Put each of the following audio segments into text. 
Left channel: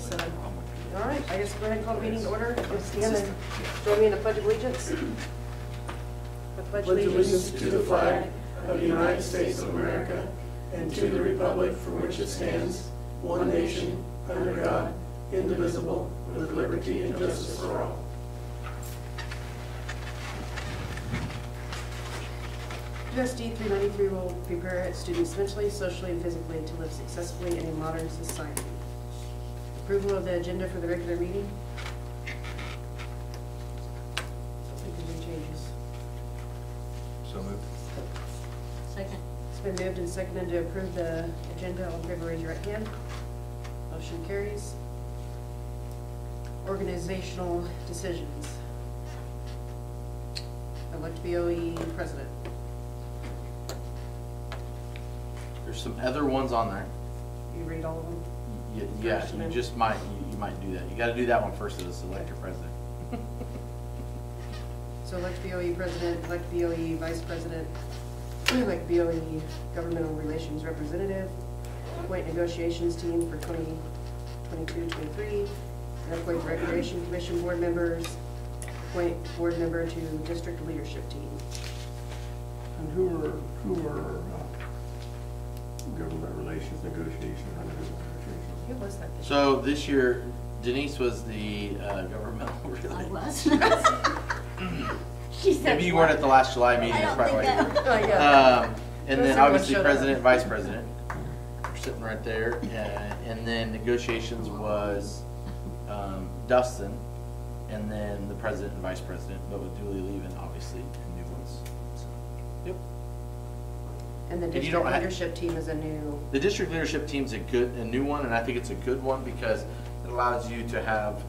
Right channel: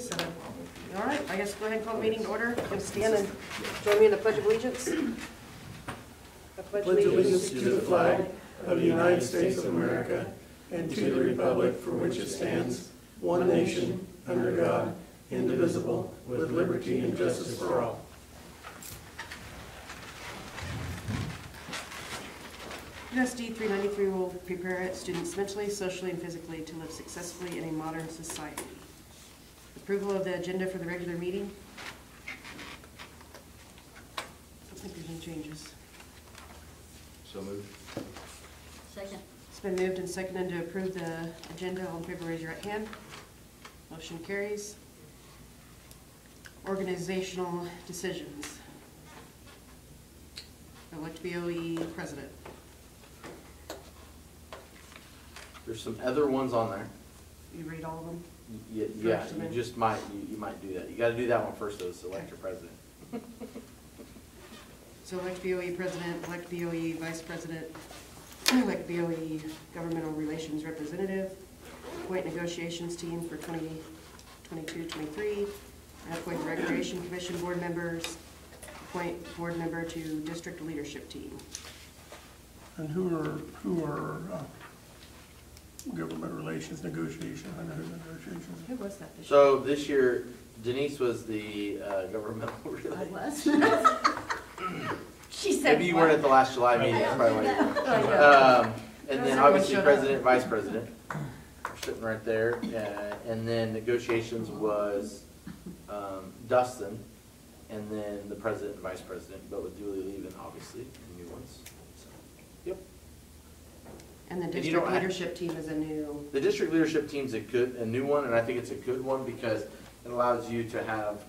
So, all right, I just go ahead and call the meeting to order. You'll stand and join me in the Pledge of Allegiance. I pledge Allegiance to the flag of the United States of America and to the republic for which it stands, one nation, under God, indivisible, with liberty and justice for all. USD 393 will prepare students mentally, socially, and physically to live successfully in a modern society. Approval of the agenda for the regular meeting. I don't think there's any changes. So moved. Second. It's been moved and seconded to approve the agenda. All in favor, raise your right hand. Motion carries. Organizational decisions. Elect BOE president. There's some other ones on there. You read all of them? Yeah, First, you then. just might, you might do that. You gotta do that one first to select your president. So elect BOE president, elect BOE vice president, elect BOE governmental relations representative, appoint negotiations team for 2022-23, and appoint recreation commission board members, appoint board member to district leadership team. And who are government relations negotiation? I know negotiations. Who was that this year? So this year, Denise was the governmental I relations. was. She said. Maybe you weren't at the last July meeting, that's probably why. Oh, yeah. And then obviously president, vice president, are sitting right there. And then negotiations was Dustin, and then the president and vice president, but with Dooley leaving, obviously, new ones. So, yep. And the you district don't have- leadership team is a new, The district leadership team's a new one, and I think it's a good one because it allows you to have,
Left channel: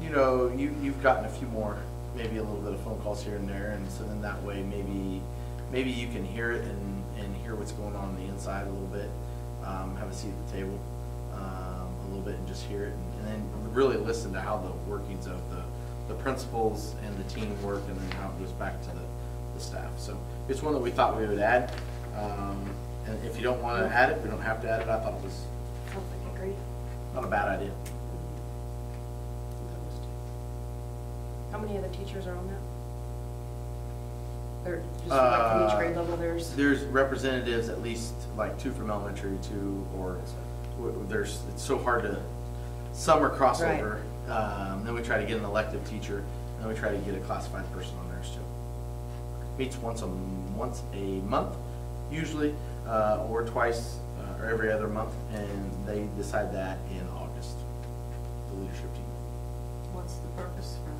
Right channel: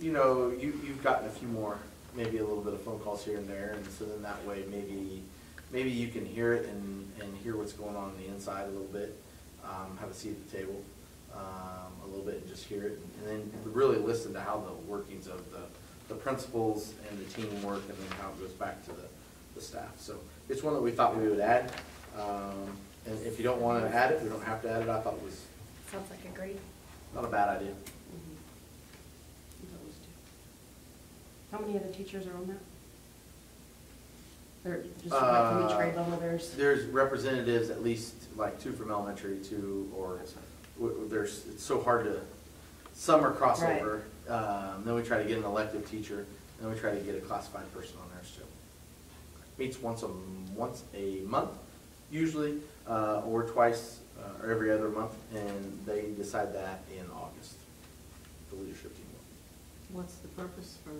you know, you've gotten a few more, maybe a little bit of phone calls here and there, and so then that way maybe you can hear it and hear what's going on the inside a little bit, have a seat at the table a little bit and just hear it, and then really listen to how the workings of the principals and the team work, and then how it goes back to the staff. So it's one that we thought we would add. And if you don't want to add it, we don't have to add it. I thought it was sounds like a great. not a bad idea. How many other teachers are on that? Or just like from each grade level There's representatives, at least like 2 from elementary, 2, or it's so hard to, some are crossover. Right. Then we try to get an elective teacher, and then we try to get a classified person on theirs too. Meets once a month, usually, or twice, or every other month, and they decide that in August, the leadership team. What's the purpose for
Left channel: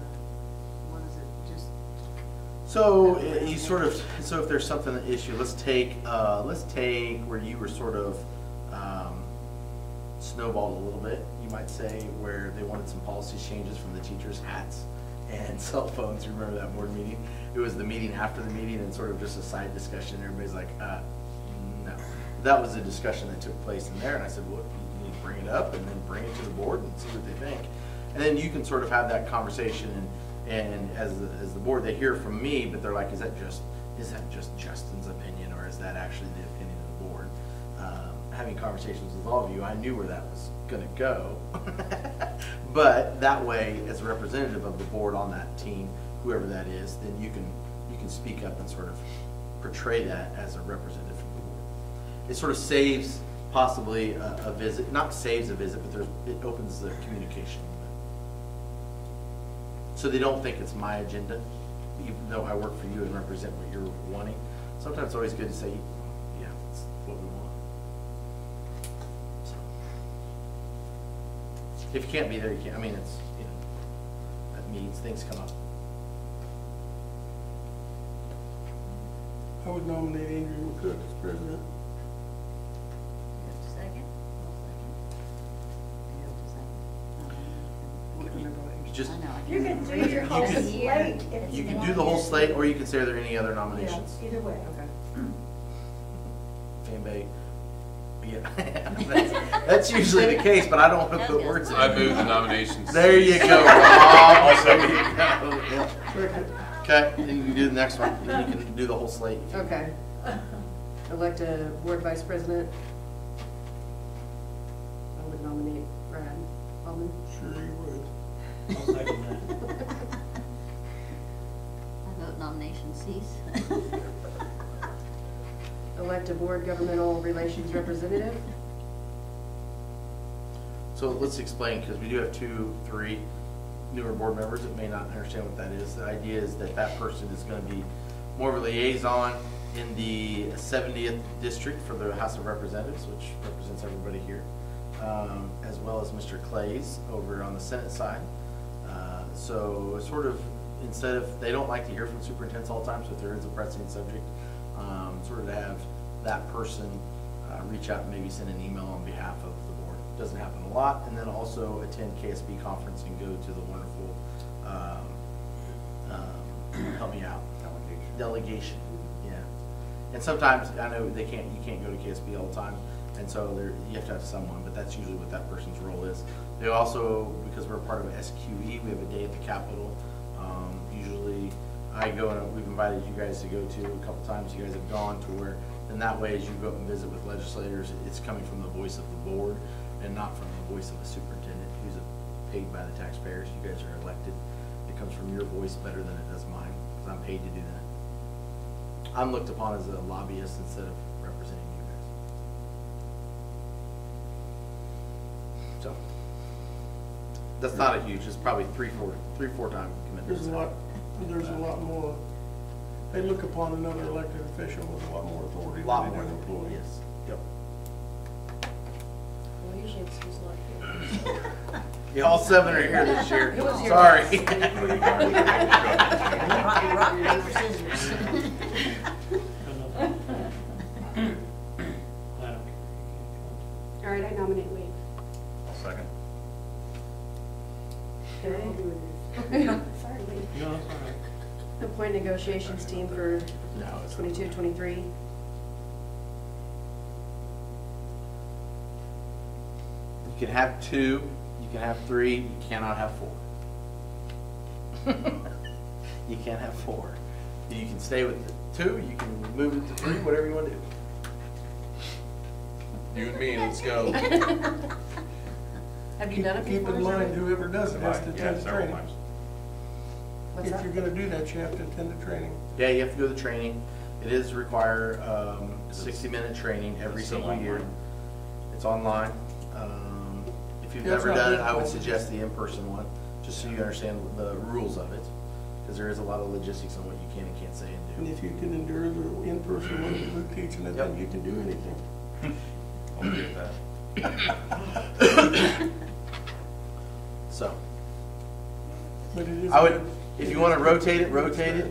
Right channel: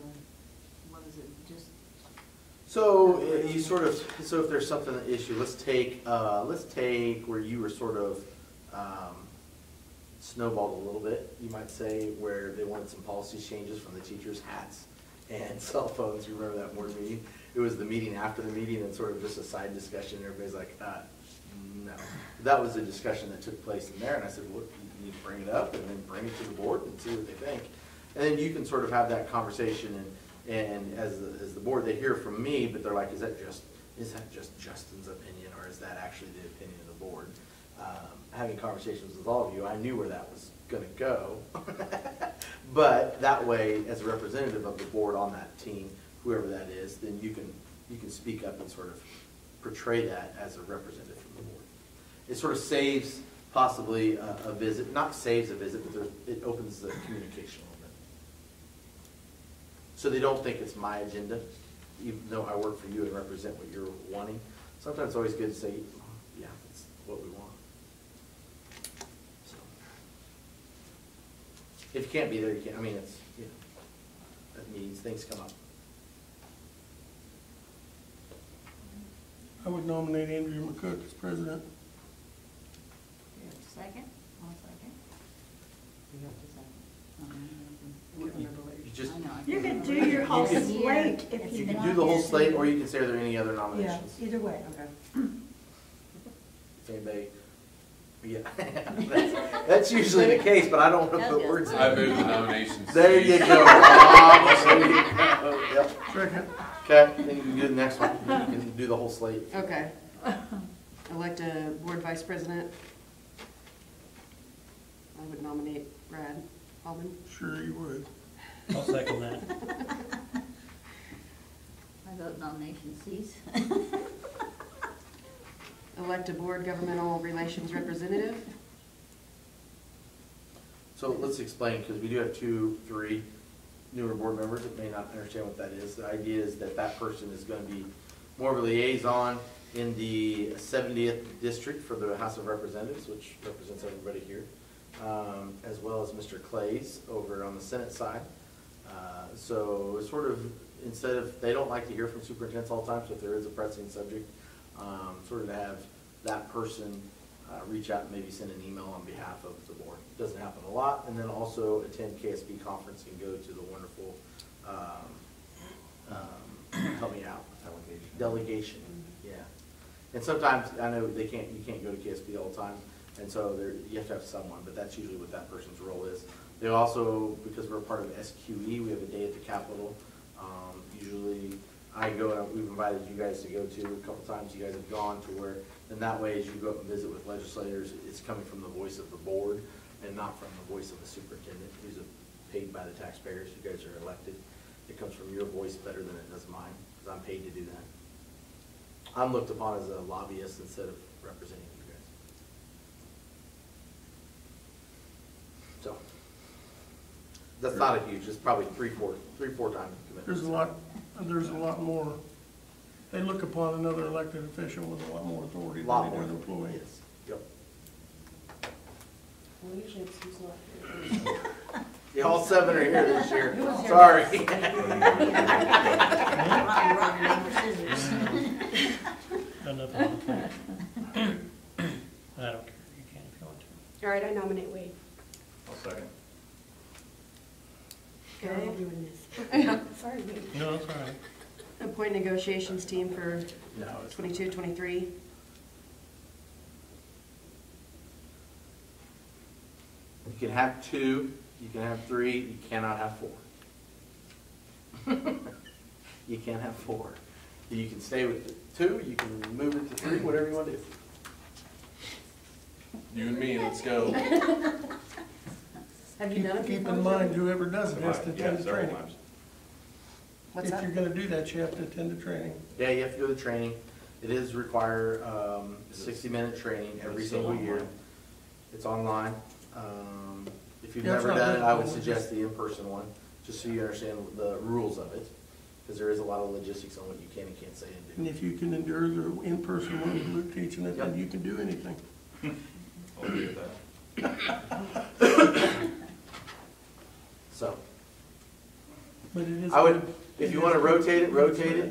what is it, just? So you sort of, so if there's something an issue, let's take where you were sort of snowballed a little bit, you might say, where they wanted some policy changes from the teachers' hats and cell phones. You remember that board meeting? It was the meeting after the meeting and sort of just a side discussion. Everybody's like, no. That was a discussion that took place in there, and I said, well, you need to bring it up and then bring it to the board and see what they think. And then you can sort of have that conversation, and as the board, they hear from me, but they're like, is that just Justin's opinion, or is that actually the opinion of the board? Having conversations with all of you, I knew where that was going to go. But that way, as a representative of the board on that team, whoever that is, then you can speak up and sort of portray that as a representative from the board. It sort of saves possibly a visit, not saves a visit, but it opens the communication a little bit. So they don't think it's my agenda, even though I work for you and represent what you're wanting. Sometimes it's always good to say, yeah, that's what we want. So, if you can't be there, you can't. I mean, it's, you know, that means things come up. I would nominate Andrew McCook as president. Second? Just, I know. You can do your whole can- slate if you you can want. do the whole slate, or you can say, are there any other Yeah, nominations? either way. Okay. If anybody, yeah, that's usually the case, but I don't want to put words in. I move the nominations. There you go, Rob. There you go. Yep. Second. Okay, then you can do the next one. You can do the whole slate. Okay. Elect a board vice president. would nominate Brad Almond. Sure you would. I'll second that. I vote nomination cease. Elect a board governmental relations representative. So let's explain, because we do have 3 newer board members that may not understand what that is. The idea is that that person is going to be more of a liaison in the 70th district for the House of Representatives, which represents everybody here, as well as Mr. Clays over on the Senate side. So sort of, instead of, they don't like to hear from superintendents all the time, so if there is a pressing subject, sort of to have that person reach out and maybe send an email on behalf of the board. Doesn't happen a lot. And then also attend KSB conference and go to the wonderful, help me out. Delegation. Yeah. And sometimes, I know you can't go to KSB all the time, and so you have to have someone, but that's usually what that person's role is. They also, because we're part of SQE, we have a day at the Capitol. Usually I go, and we've invited you guys to go to a couple times. You guys have gone to where, and that way as you go up and visit with legislators, it's coming from the voice of the board and not from the voice of the superintendent, who's paid by the taxpayers. You guys are elected. It comes from your voice better than it does mine, because I'm paid to do that. I'm looked upon as a lobbyist instead of representing you guys. So that's not a huge. It's probably 3-4 time commitment. There's a lot more. They look upon another elected official with a lot more authority A lot than more an than employee. Yes. Yep. Well, usually it's who's not here. Yeah, all 7 are here this year. Who was your Sorry. Rock, paper, scissors. Enough. I don't care. All right, I nominate Wade. Second. Okay. Sorry, Wade. You know, that's all right. Appoint negotiations team for No, it's 22, 23. You can have 2, you can have 3, you cannot have 4. You can't have 4. You can stay with the 2, you can move it to 3, whatever you want to do. You and me, let's go. Have you done it Keep before? in mind, whoever does it has to Yeah, attend the several training. times. What's If that? you're gonna do that, you have to attend the training. Yeah, you have to do the training. It is require 60-minute training every It's still single year. online? It's online. If you've Yeah, it's never not done it, I would difficult. suggest the in-person one, just so you understand the rules of it, because there is a lot of logistics on what you can and can't say And and do. if you can endure the in-person one with Luke teaching it, then Yep. you can do anything. I'll agree with that. So, But it is I would, good. if you want to rotate it,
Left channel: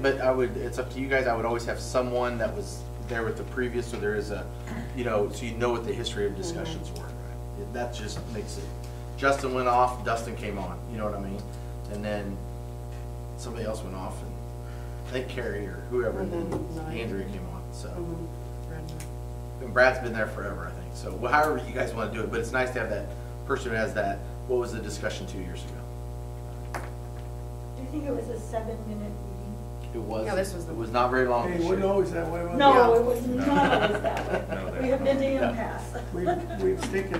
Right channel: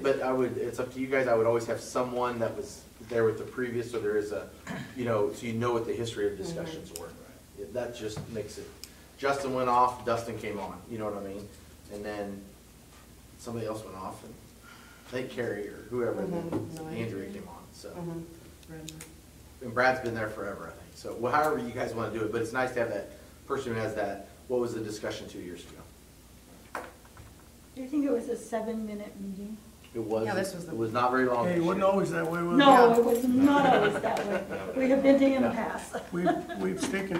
but it's up to you guys. I would always have someone that was there with the previous, so there is a, so you know what the history of discussions were. That just makes it, Justin went off, Dustin came on, you know what I mean? And then somebody else went off, and I think Carrie or whoever, and then Andrea came on, so. And Brad's been there forever, I think. So however you guys want to do it, but it's nice to have that person who has that, what was the discussion 2 years ago? Do you think it was a 7-minute meeting? It was, Yeah, this was it was not very long Hey, this it wasn't year. always that way, was it? No, it was not always that way. No, We have been to impasse. We've taken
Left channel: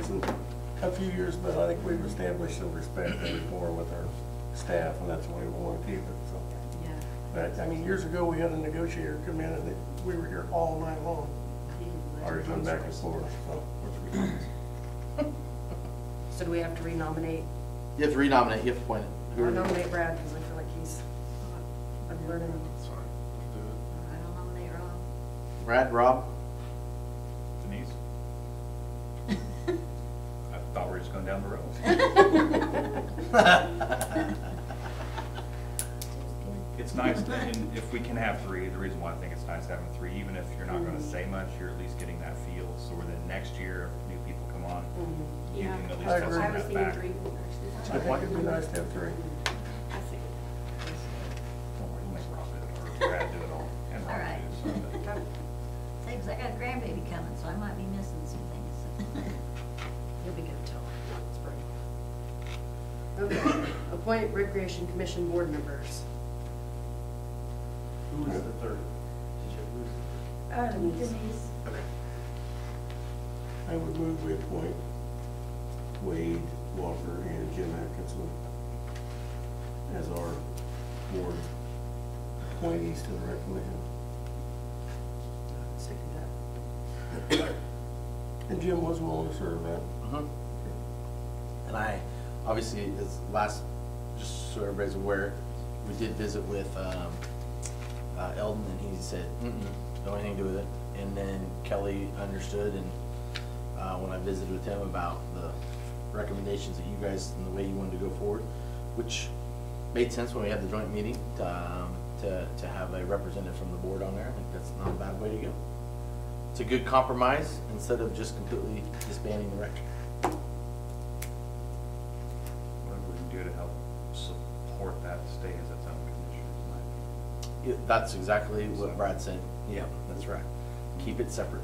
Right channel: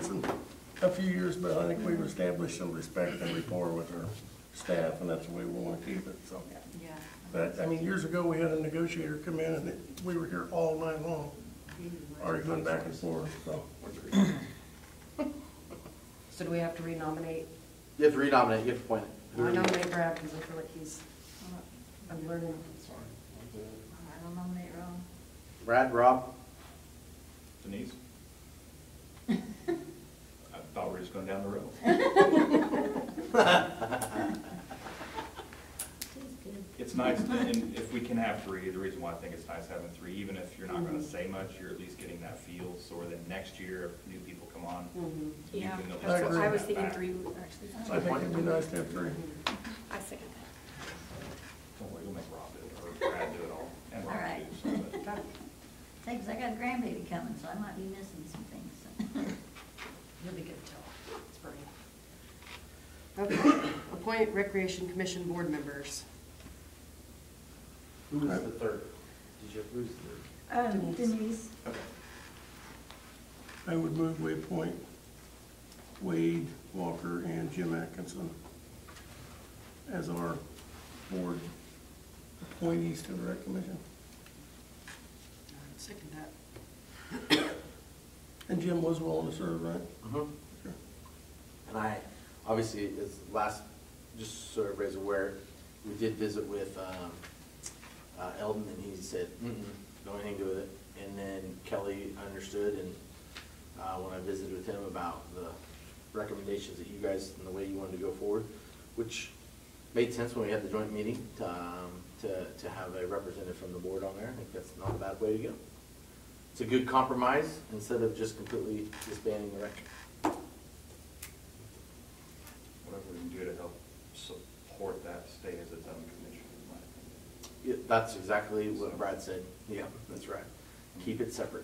a few years, but I think we've established some respect and rapport with our staff, and that's the way we want to keep it, so. Yeah. But, I mean, years ago, we had a negotiator come in, and we were here all night long, arguing back and forth, so. So do we have to renominate? You have to renominate, you have to appoint it. I nominate Brad because I feel like he's unburdened. I don't nominate Ron. Brad, Rob? Denise? I thought we were just going down the road. It's nice, and if we can have 3, the reason why I think it's nice having 3, even if you're not gonna say much, you're at least getting that feel, so where the next year, if new people come on, you Yeah, I can at least agree. tell I some was of that thinking back. 3, actually. I think it'd be nice to have 3. I think. We'll make Rob do it, or Brad do it all, and All Rob right. too, so, but- Hey, 'cause I got a grandbaby coming, so I might be missing some things. He'll be good till spring. Okay, appoint Recreation Commission board members. Who was the third? Denise, I would move we appoint Wade Walker and Jim Atkinson as our board appointees to the rec commission. Second that. And Jim was willing to serve, right? Mhm. And I, obviously, as last, just so everybody's aware, we did visit with Eldon, and he said, don't have anything to do with it. And then Kelly understood, and when I visited with him about the recommendations that you guys, and the way you wanted to go forward, which made sense when we had the joint meeting, to have a representative from the board on there. I think that's not a bad way to go. It's a good compromise, instead of just completely disbanding the rec. Whatever we can do to help support that stay as its own commission is my opinion. That's exactly what Brad said. Yeah, that's right. Keep it separate.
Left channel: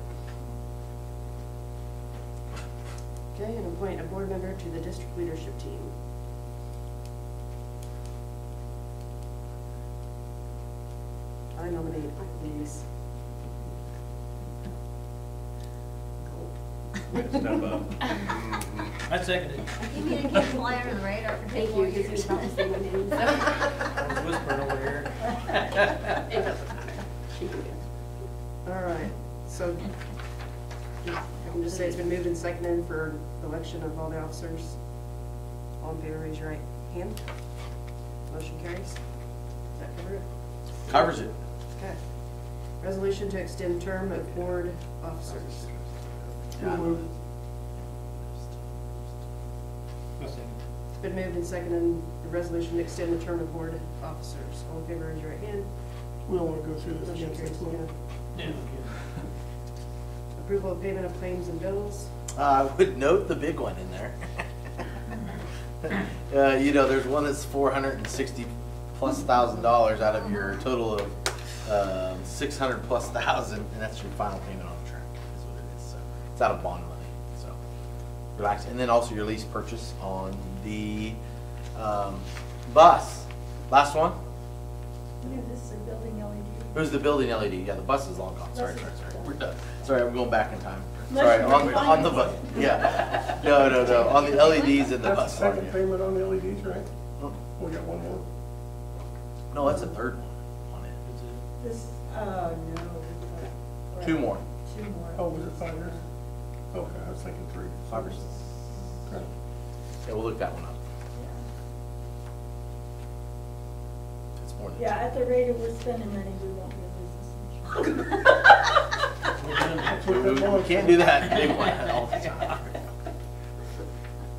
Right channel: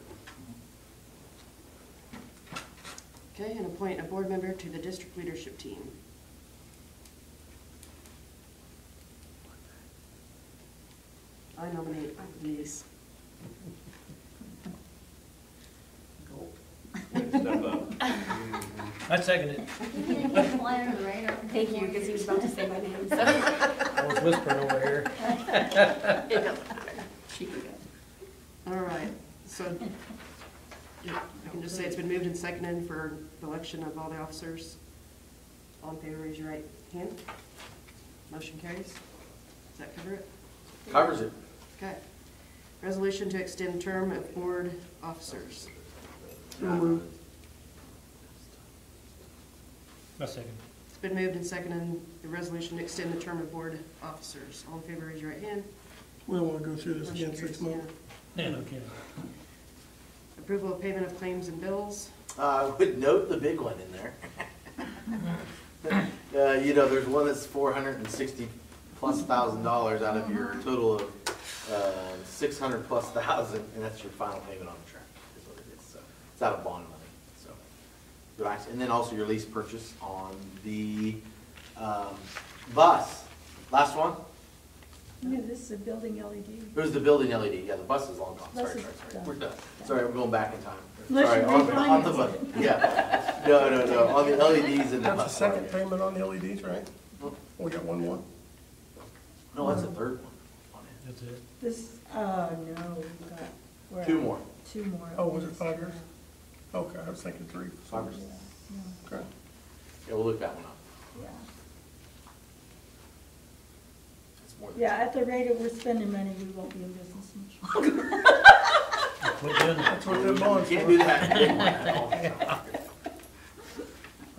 Okay, and appoint a board member to the district leadership team. Or nominate these. Step up. I second it. You can fly under the radar. Thank you, because he was about to say my name, so. I was whispering over here. It doesn't matter. She can go. All right, so I can just say it's been moved and seconded for the election of all the officers. All in favor, raise your right hand. Motion carries. Does that cover it? Covers it. Okay. Resolution to extend term of board officers. I second. It's been moved and seconded, the resolution to extend the term of board officers. All in favor, raise your right hand. We don't want to go through this Motion again carries. 6 months. Yeah, okay. Approval of payment of claims and bills. Would note the big one in there. You know, there's one that's $460,000+ out of your total of $600,000+, and that's your final payment on the track. That's what it is. So it's out of bond money. So relax. And then also your lease purchase on the bus. Last one. Yeah, this is a building LED. It was the building LED. Yeah, the bus is long gone. Sorry. We're done. Sorry, I'm going back in time. Unless Sorry, you on the bus. Yeah. No. On the LEDs and the That's bus. the second payment on the LEDs, right? Oh, We got one more. no, that's the third one on it. That's it. This, oh, no. we're Two at more. 2 more. Oh, was it 5 years? Okay, I was thinking 3. 5 years. Okay. Yeah, we'll look that one up. Yeah. It's more than Yeah, at the rate we're spending money, we won't be in business much. That's what that bonds. Can't do that. All the time.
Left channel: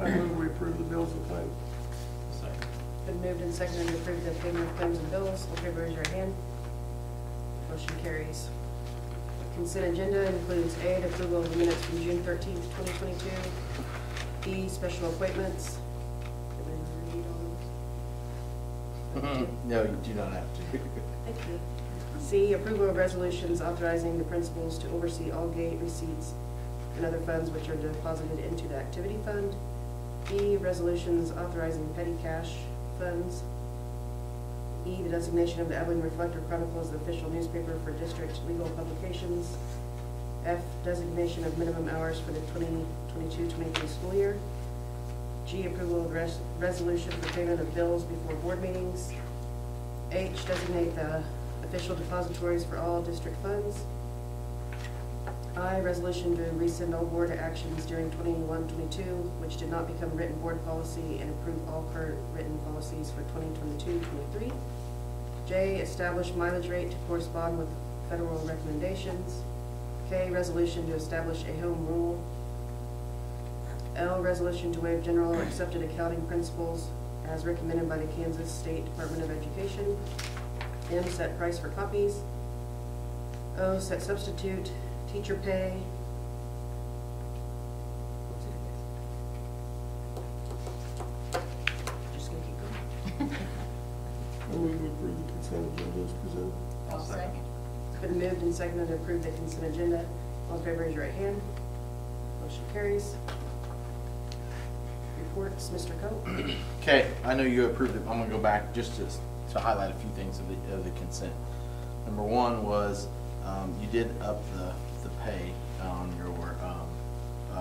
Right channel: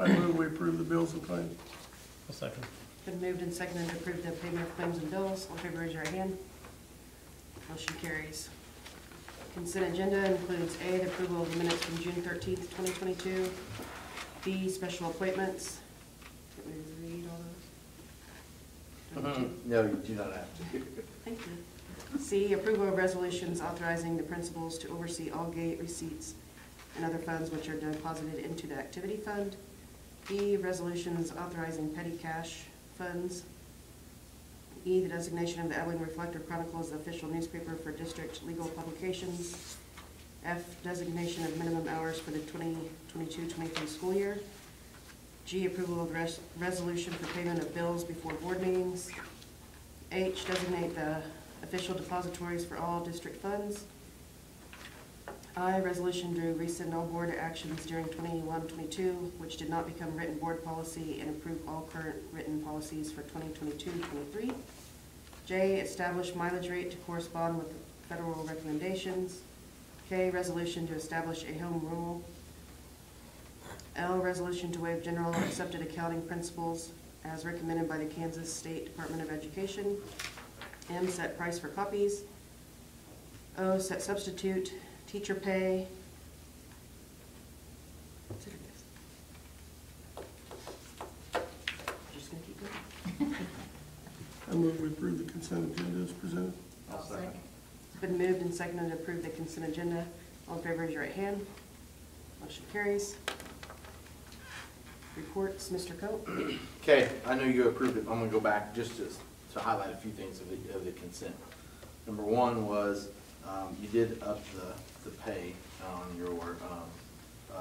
I move we approve the bills and claims. Second. Been moved and seconded to approve the payment of claims and bills. All in favor, raise your right hand. Motion carries. Consent agenda includes A, the approval of the minutes from June 13th, 2022. B, special appointments. Did we read all those? No, you do not have to. Thank you. C, approval of resolutions authorizing the principals to oversee all gate receipts and other funds which are deposited into the activity fund. D, resolutions authorizing petty cash funds. E, the designation of the Abilene Reflector Chronicle as the official newspaper for district legal publications. F, designation of minimum hours for the 2022-23 school year. G, approval of resolution for payment of bills before board meetings. H, designate the official depositories for all district funds. I, resolution to rescind all board actions during 21-22, which did not become written board policy, and approve all current written policies for 2022-23. J, establish mileage rate to correspond with federal recommendations. K, resolution to establish a home rule. L, resolution to waive general accepted accounting principles as recommended by the Kansas State Department of Education. M, set price for copies. O, set substitute teacher pay. Just gonna keep going. I move we approve the consent agenda as presented. I'll second. It's been moved and seconded to approve the consent agenda. All in favor, raise your right hand. Motion carries. Reports, Mr. Coe. Okay, I know you approved it. I'm gonna go back just to highlight a few things of the consent. Number one was, you did up the pay on your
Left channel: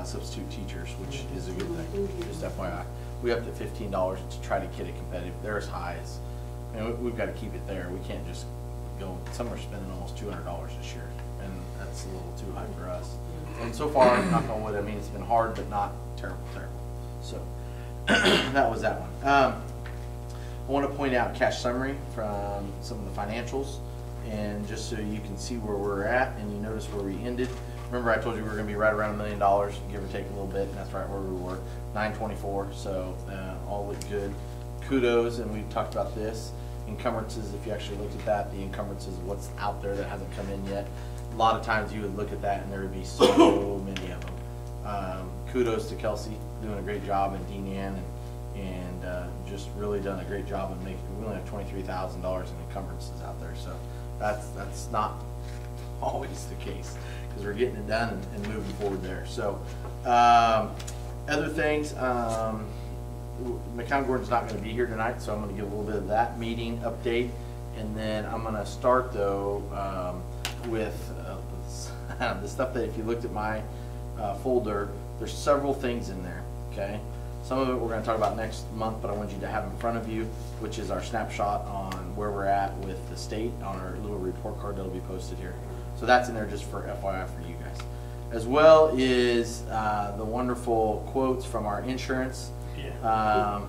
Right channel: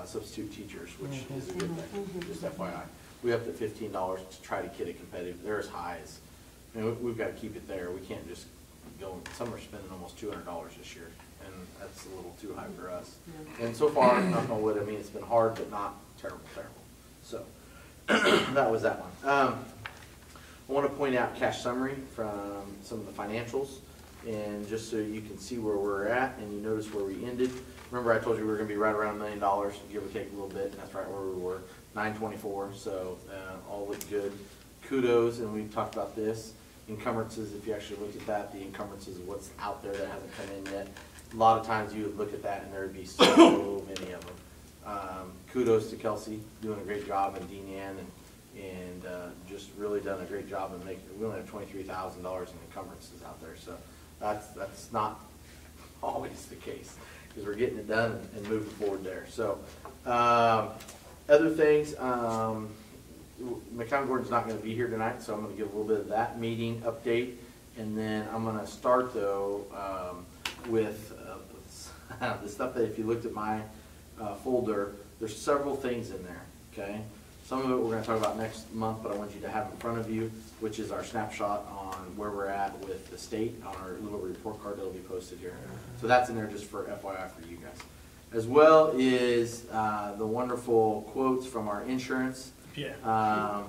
substitute teachers, which is a good thing, just FYI. We up to $15 to try to get it competitive. They're as high as, I mean, we've got to keep it there. We can't just go, some are spending almost $200 this year, and that's a little too high for us. And so far, knock on wood, I mean, it's been hard, but not terrible. So, that was that one. I want to point out cash summary from some of the financials, and just so you can see where we're at, and you notice where we ended. Remember I told you we were going to be right around $1 million, give or take a little bit, and that's right where we were, 924, so all looked good. Kudos, and we've talked about this. Encumbrances, if you actually looked at that, the encumbrances of what's out there that hasn't come in yet. A lot of times you would look at that and there would be so many of them. Kudos to Kelsey, doing a great job, and Dean Ann, and just really done a great job in making, we only have $23,000 in encumbrances out there, so that's not always the case, because we're getting it done and moving forward there. So other things, McCown Gordon's not going to be here tonight, so I'm going to give a little bit of that meeting update, and then I'm going to start though with the stuff that if you looked at my folder, there's several things in there, okay? Some of it we're going to talk about next month, but I want you to have in front of you, which is our snapshot on where we're at with the state on our little report card that will be posted here. So that's in there just for FYI for you guys. As well is the wonderful quotes from our insurance. Yeah.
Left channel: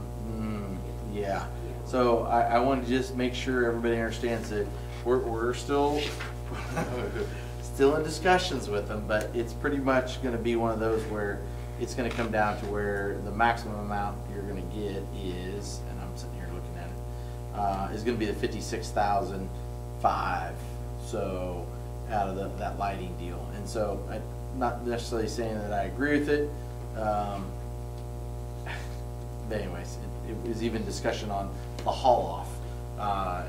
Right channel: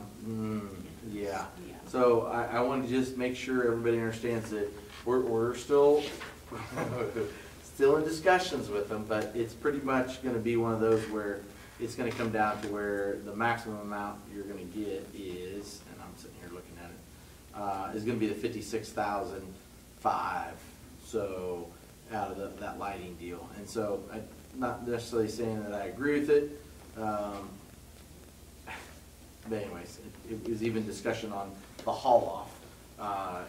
Yeah. So I want to just make sure everybody understands that we're still in discussions with them, but it's pretty much going to be one of those where it's going to come down to where the maximum amount you're going to get is, and I'm sitting here looking at it, is going to be the $56,500. So out of that lighting deal, and so I'm not necessarily saying that I agree with it. But anyways, it was even discussion on the haul off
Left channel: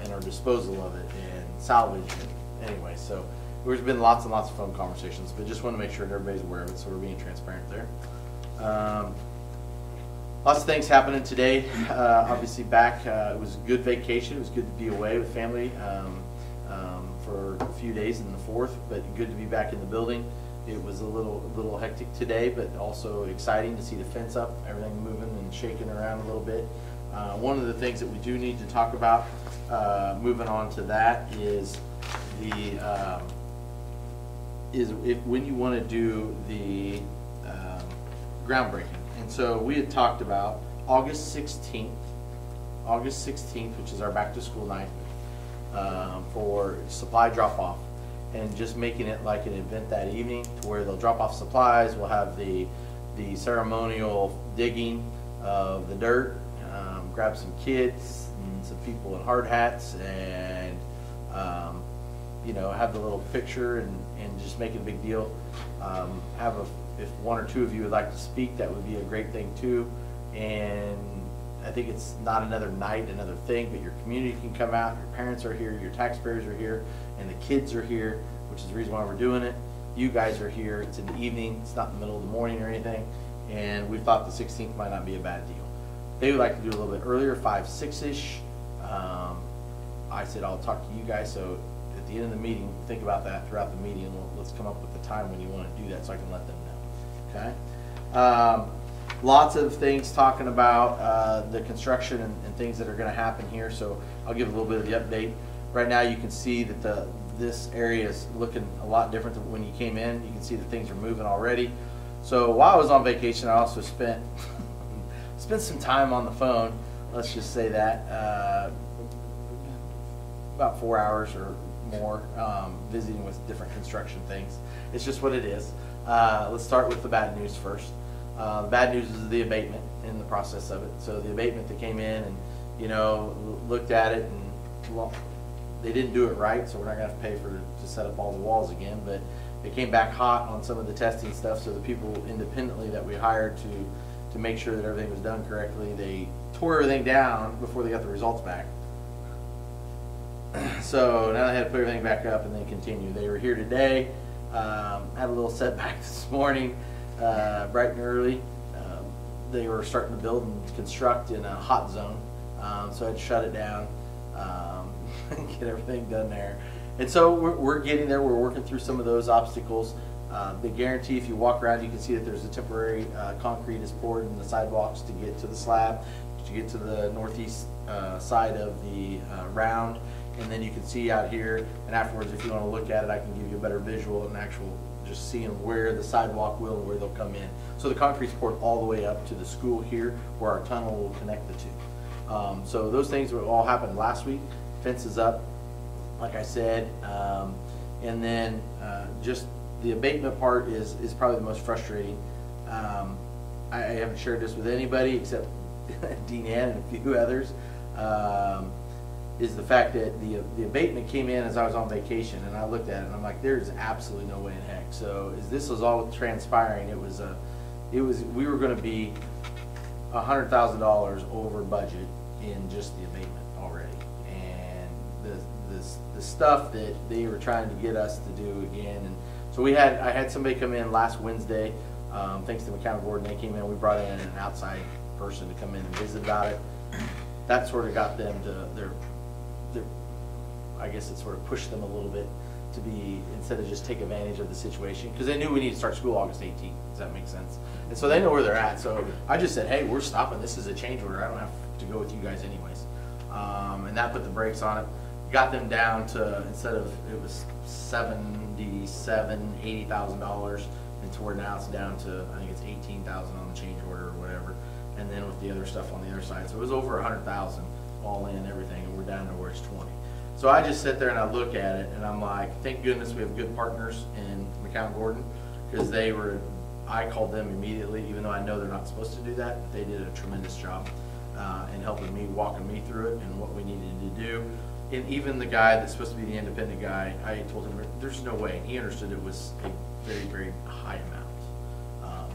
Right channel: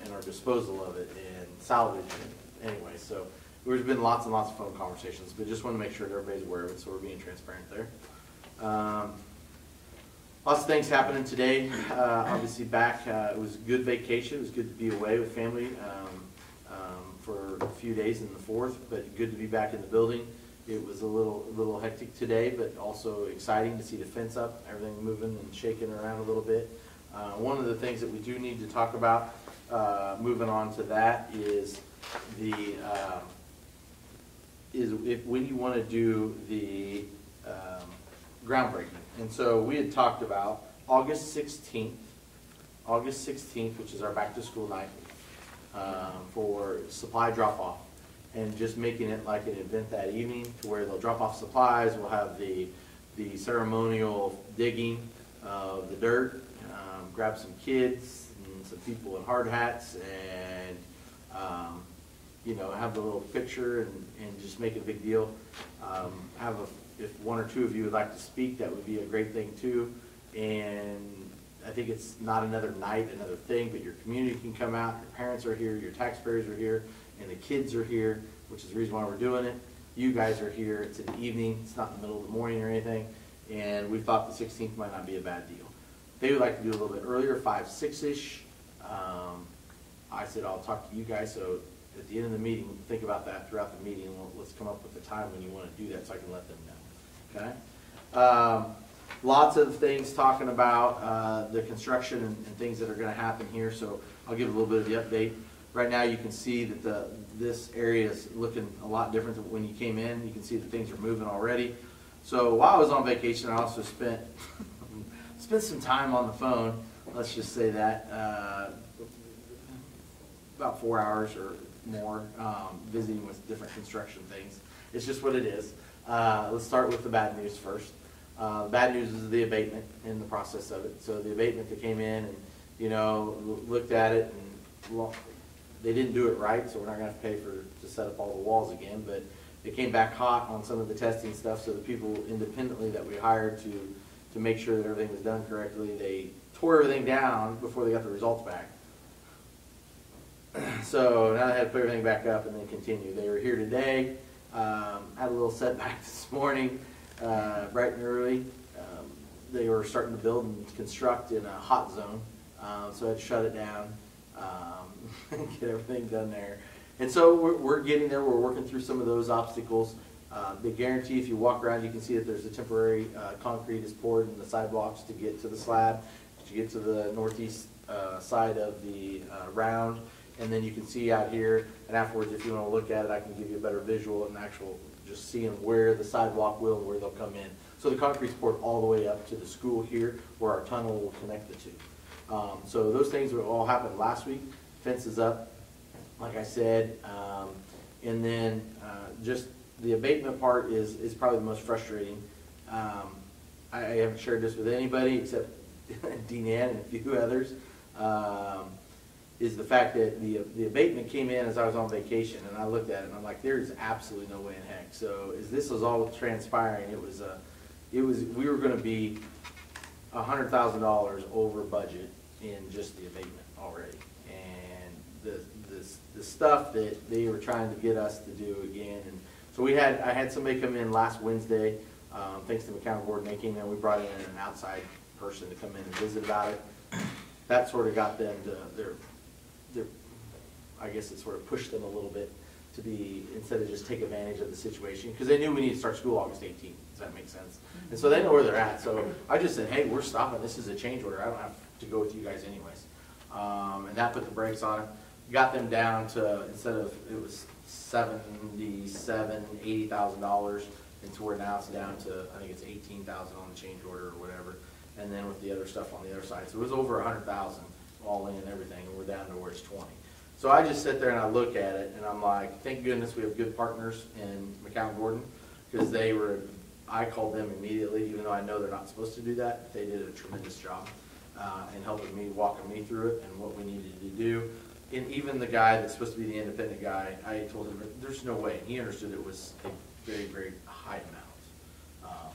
and our disposal of it and salvage it. Anyway, so there's been lots and lots of phone conversations, but just want to make sure that everybody's aware of it, so we're being transparent there. Lots of things happening today. Obviously back, it was a good vacation. It was good to be away with family for a few days in the 4th, but good to be back in the building. It was a little hectic today, but also exciting to see the fence up, everything moving and shaking around a little bit. One of the things that we do need to talk about, moving on to that, is the when you want to do the groundbreaking. And so we had talked about August 16th, which is our back to school night, for supply drop off, and just making it like an event that evening to where they'll drop off supplies. We'll have the ceremonial digging of the dirt, grab some kids and some people in hard hats, and you know, have the little picture and just make it a big deal. If one or two of you would like to speak, that would be a great thing too. And I think it's not another night, another thing, but your community can come out, your parents are here, your taxpayers are here, and the kids are here, which is the reason why we're doing it. You guys are here, it's in the evening, it's not in the middle of the morning or anything, and we thought the 16th might not be a bad deal. They would like to do a little bit earlier, 5, 6-ish. I said I'll talk to you guys, so at the end of the meeting, think about that throughout the meeting. Let's come up with the time when you want to do that so I can let them know. Okay? Lots of things talking about the construction and things that are going to happen here, so I'll give a little bit of the update. Right now you can see that this area is looking a lot different than when you came in. You can see that things are moving already. So while I was on vacation, I also spent some time on the phone, let's just say that, about 4 hours or more, visiting with different construction things. It's just what it is. Let's start with the bad news first. Bad news is the abatement in the process of it. So the abatement that came in and, you know, looked at it and, well, they didn't do it right, so we're not going to have to pay to set up all the walls again, but they came back hot on some of the testing stuff, so the people independently that we hired to make sure that everything was done correctly, they tore everything down before they got the results back. So now they had to put everything back up and then continue. They were here today, had a little setback this morning, bright and early. They were starting to build and construct in a hot zone, so I had to shut it down and get everything done there. And so we're getting there. We're working through some of those obstacles. They guarantee if you walk around, you can see that there's a temporary concrete is poured in the sidewalks to get to the slab, to get to the northeast side of the round. And then you can see out here, and afterwards, if you want to look at it, I can give you a better visual and actual just seeing where the sidewalk will and where they'll come in. So the concrete's poured all the way up to the school here, where our tunnel will connect the two. So those things all happened last week. Fence is up, like I said, and then just the abatement part is probably the most frustrating. I haven't shared this with anybody except Dean Ann and a few others. Is the fact that the abatement came in as I was on vacation, and I looked at it and I'm like, there is absolutely no way in heck. So as this was all transpiring, we were going to be $100,000 over budget in just the abatement already, and the stuff that they were trying to get us to do again. And so I had somebody come in last Wednesday, thanks to McCown Gordon. They came in, we brought in an outside person to come in and visit about it. That sort of got them to I guess it sort of pushed them a little bit to be, instead of just take advantage of the situation, because they knew we need to start school August 18th. Does that make sense? And so they know where they're at. So I just said, hey, we're stopping. This is a change order. I don't have to go with you guys anyways. And that put the brakes on it. Got them down to, instead of, it was $80,000, and to where now it's down to, I think it's $18,000 on the change order or whatever. And then with the other stuff on the other side. So it was over $100,000 all in, everything, and we're down to where it's 20. So I just sit there and I look at it and I'm like, thank goodness we have good partners in McCown Gordon, because I called them immediately, even though I know they're not supposed to do that. They did a tremendous job in helping me, walking me through it and what we needed to do. And even the guy that's supposed to be the independent guy, I told him there's no way. He understood it was a very, very high amount.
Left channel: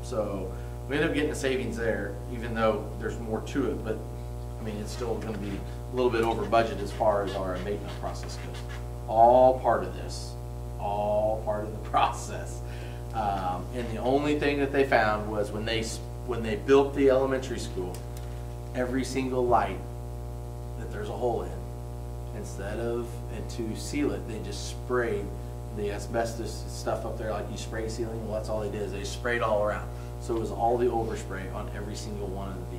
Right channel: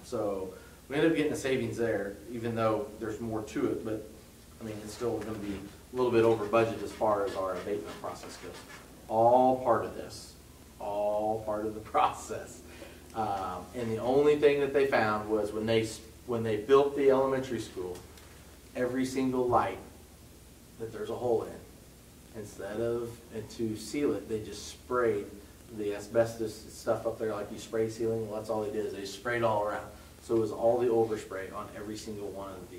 So we ended up getting the savings there, even though there's more to it. But I mean, it's still going to be a little bit over budget as far as our abatement process goes. All part of this, all part of the process. And the only thing that they found was when they built the elementary school, every single light that there's a hole in, instead of, and to seal it, they just sprayed the asbestos stuff up there like you spray ceiling. Well, that's all they did, is they sprayed all around. So it was all the overspray on every single one of the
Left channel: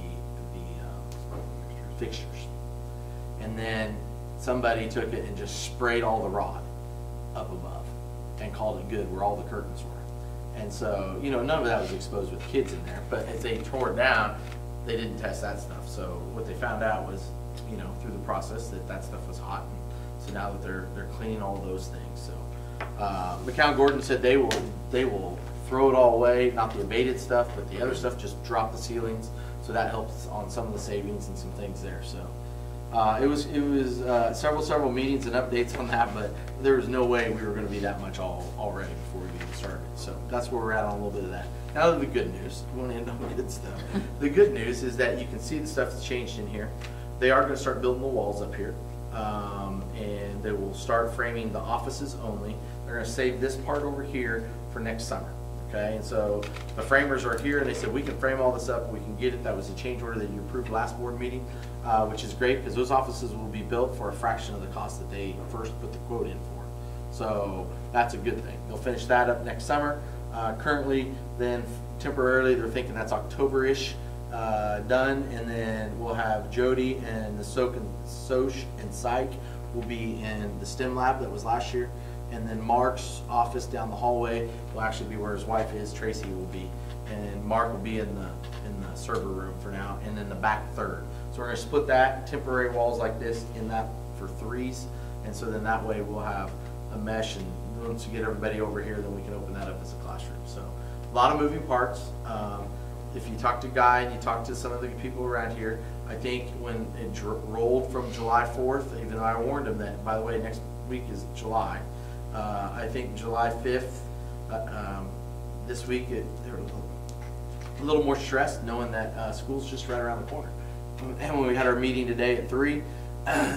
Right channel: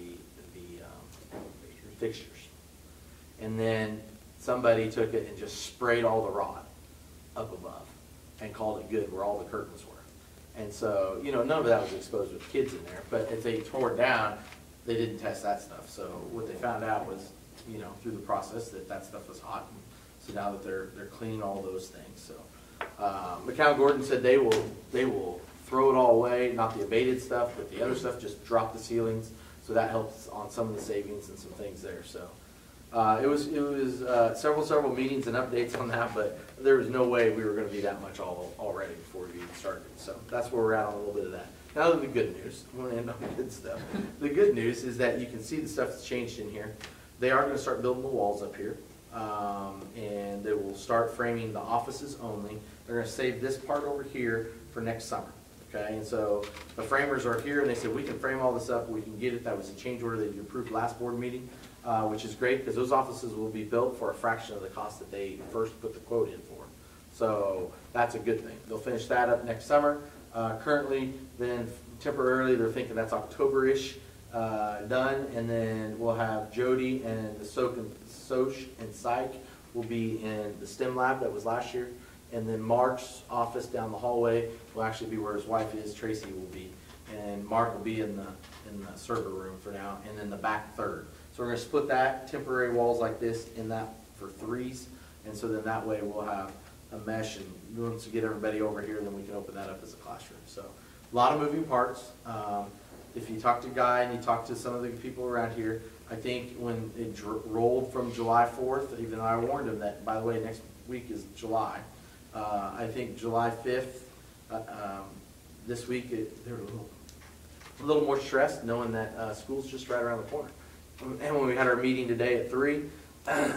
fixtures. And then somebody took it and just sprayed all the rod up above and called it good where all the curtains were. And so, none of that was exposed with kids in there, but as they tore it down, they didn't test that stuff. So what they found out was, through the process, that stuff was hot. And so now that they're cleaning all those things. So McCown Gordon said they will throw it all away, not the abated stuff, but the other stuff, just drop the ceilings. So that helps on some of the savings and some things there. So it was several meetings and updates on that, but there was no way we were going to be that much already before we even started. So that's where we're at on a little bit of that. Now the good news, we want to end on the good stuff. The good news is that you can see the stuff that's changed in here. They are going to start building the walls up here, and they will start framing the offices only. They're going to save this part over here for next summer. Okay, and so the framers are here, and they said we can frame all this up, we can get it. That was a change order that you approved last board meeting, which is great because those offices will be built for a fraction of the cost that they first put the quote in for. So that's a good thing. They'll finish that up next summer. Currently, then temporarily, they're thinking that's October-ish done, and then we'll have Jody and the Soch and Psych will be in the STEM lab that was last year. And then Mark's office down the hallway will actually be where his wife is, Tracy will be. And Mark will be in the server room for now, and then the back third. So we're going to split that, temporary walls like this, in that for threes. And so then that way we'll have a mesh, and once we get everybody over here, then we can open that up as a classroom. So a lot of moving parts. If you talk to Guy and you talk to some of the people around here, I think when it rolled from July 4th, even though I warned them that, by the way, next week is July, I think July 5th, this week, they were a little more stressed knowing that school's just right around the corner. And when we had our meeting today at 3,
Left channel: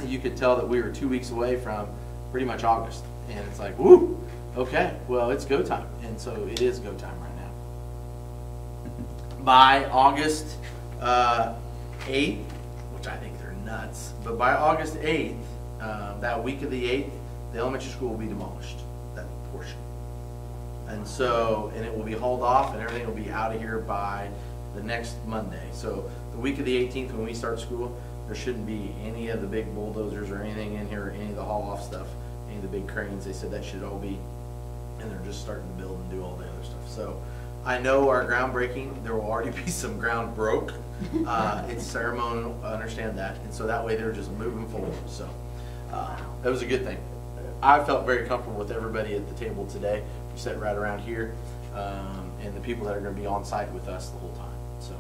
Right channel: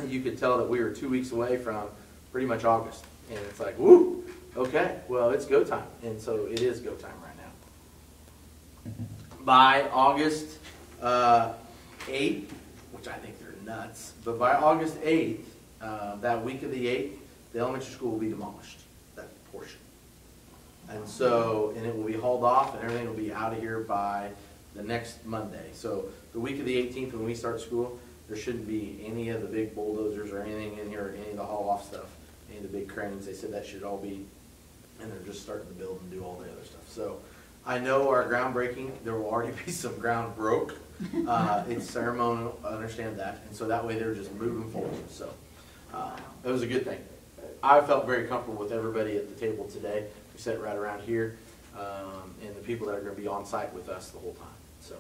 you could tell that we were 2 weeks away from pretty much August. And it's like, woo, okay, well, it's go time. And so it is go time right now. By August 8th, which I think they're nuts, but by August 8th, that week of the 8th, the elementary school will be demolished, that portion. And so, and it will be hauled off and everything will be out of here by the next Monday. So the week of the 18th when we start school, there shouldn't be any of the big bulldozers or anything in here, or any of the haul off stuff, any of the big cranes. They said that should all be, and they're just starting to build and do all the other stuff. So I know our groundbreaking, there will already be some ground broke. It's ceremonial, I understand that. And so that way they're just moving forward. So that was a good thing. I felt very comfortable with everybody at the table today. We sat right around here, and the people that are going to be on site with us the whole time. So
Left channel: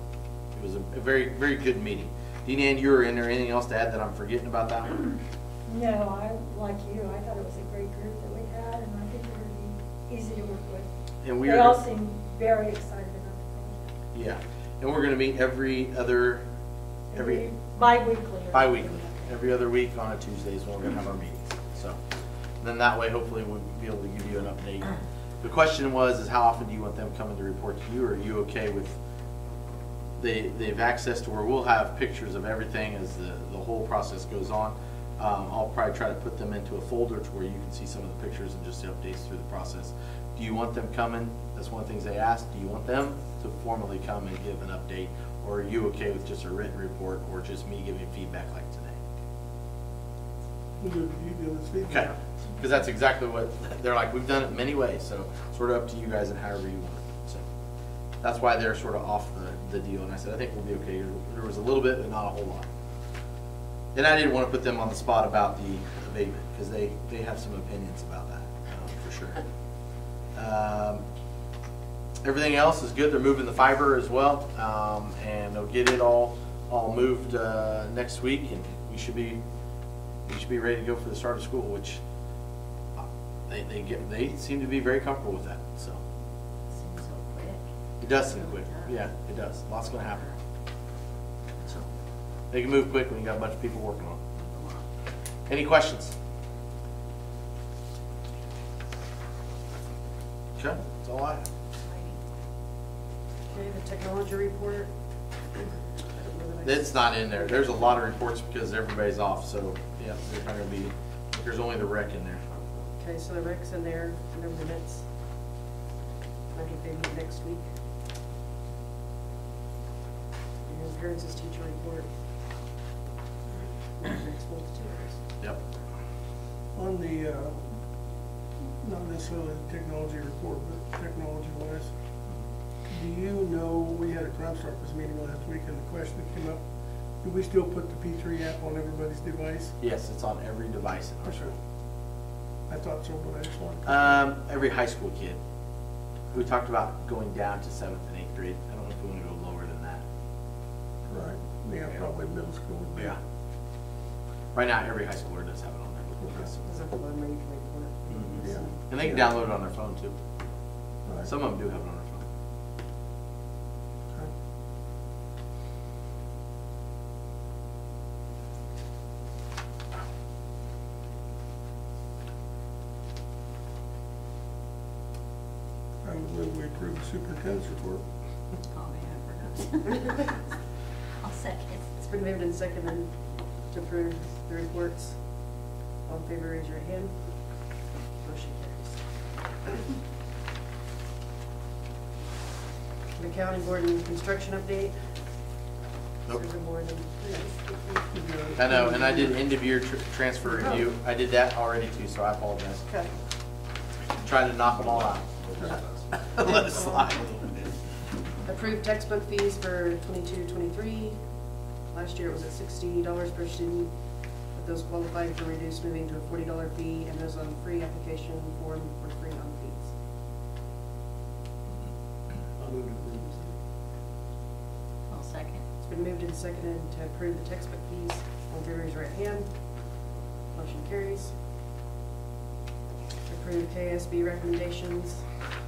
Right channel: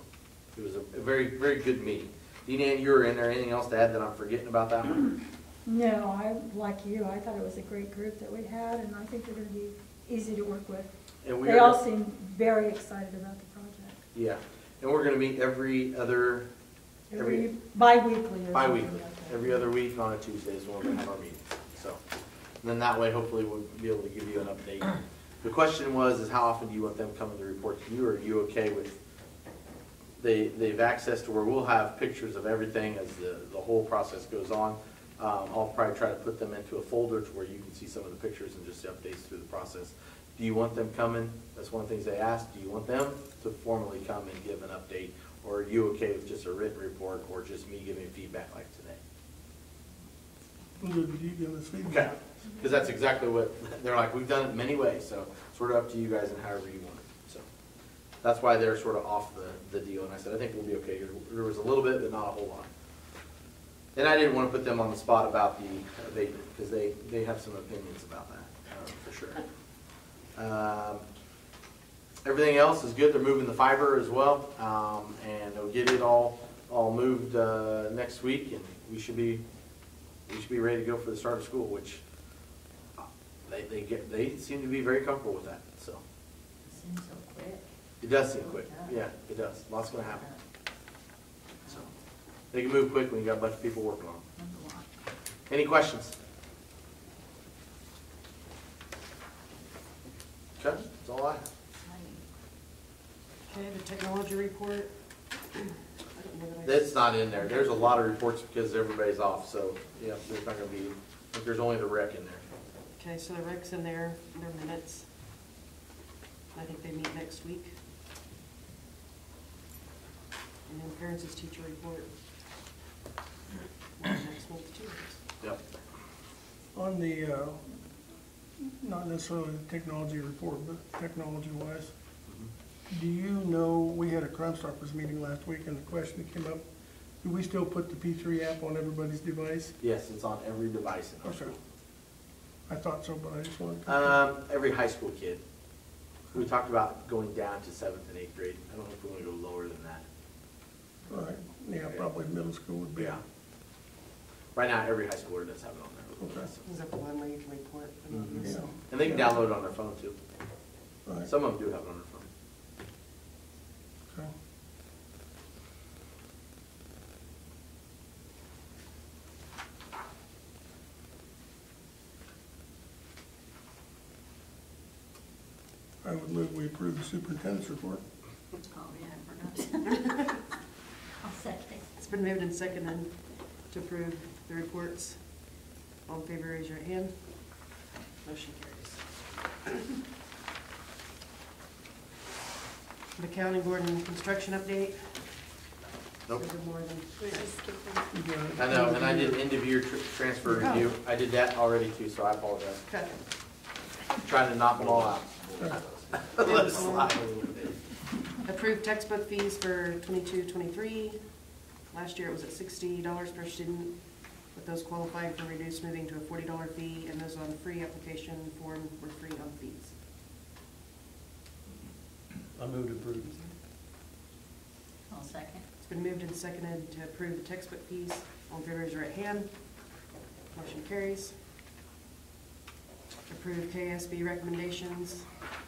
it was a very, very good meeting. Dean Ann, you were in there. Anything else to add that I'm forgetting about that one? No, like you, I thought it was a great group that we had, and I think they're gonna be easy to work with. And we They are, all seem very excited about the project. yeah, and we're going to meet every Bi-weekly. bi-weekly, every other week on Tuesdays when we're going to have our meetings. So then that way, hopefully, we'll be able to give you an update. The question was, how often do you want them coming to report to you, or are you okay with? They've access to where we'll have pictures of everything as the whole process goes on. I'll probably try to put them into a folder to where you can see some of the pictures and just the updates through the process. Do you want them coming? That's one of the things they asked. Do you want them to formally come and give an update? Or are you okay with just a written report or just me giving feedback like today? Who you give us Okay, feedback? because that's exactly what, they're like, we've done it many ways, so sort of up to you guys and however you want it. So that's why they're sort of off the deal. And I said, I think we'll be okay. There was a little bit, but not a whole lot. And I didn't want to put them on the spot about the abatement, because they have some opinions about that, for sure. Everything else is good. They're moving the fiber as well, and they'll get it all moved next week, and we should be ready to go for the start of school, which they seem to be very comfortable with that. So Seems so quick. it does seem quick. Yeah, it does. Lots going to happen. So they can move quick when you got a bunch of people working on it. Any questions? Okay, that's all I have. Okay, the technology report. I don't know that I- It's not in there. There's a lot of reports because everybody's off, so yeah, there's not gonna be, I think there's only the rec in there. Okay, so the rec's in there, no minutes. I think they meet next week. And then parents' teacher report. Next month too. Yep. On the, not necessarily the technology report, but technology-wise, do you know, we had a Crime Stoppers meeting last week, and the question that came up, do we still put the P3 app on everybody's device? Yes, it's on every device in our Okay. school. I thought so, but I just wanted to. Every high school kid. We talked about going down to 7th and 8th grade. I don't know if we want to go lower than that. Right, yeah, probably middle school would be. Yeah. Right now, every high schooler does have it on their device. Is it the one where you can report? Mhm. Yeah. And they can download it on their phone too. Right. Some of them do have it on their phone. Okay. I would move we approve the superintendent's report. Oh, yeah, I forgot. I'll second. It's been moved and seconded to approve the reports. All in favor, raise your hand. Motion carries. The county board and construction update. Nope. Is there more than three? I know, and I did end of year transfer review. I did that already too, so I apologize. Okay. Trying to knock them all out. Let it slide. Approved textbook fees for 22-23. Last year it was at $60 per student, with those qualifying for reduced moving to a $40 fee, and those on free application form were free on fees. I'll move to approve. I'll second. It's been moved and seconded to approve the textbook fees. All in favor, raise your right hand. Motion carries. Approve KSB recommendations.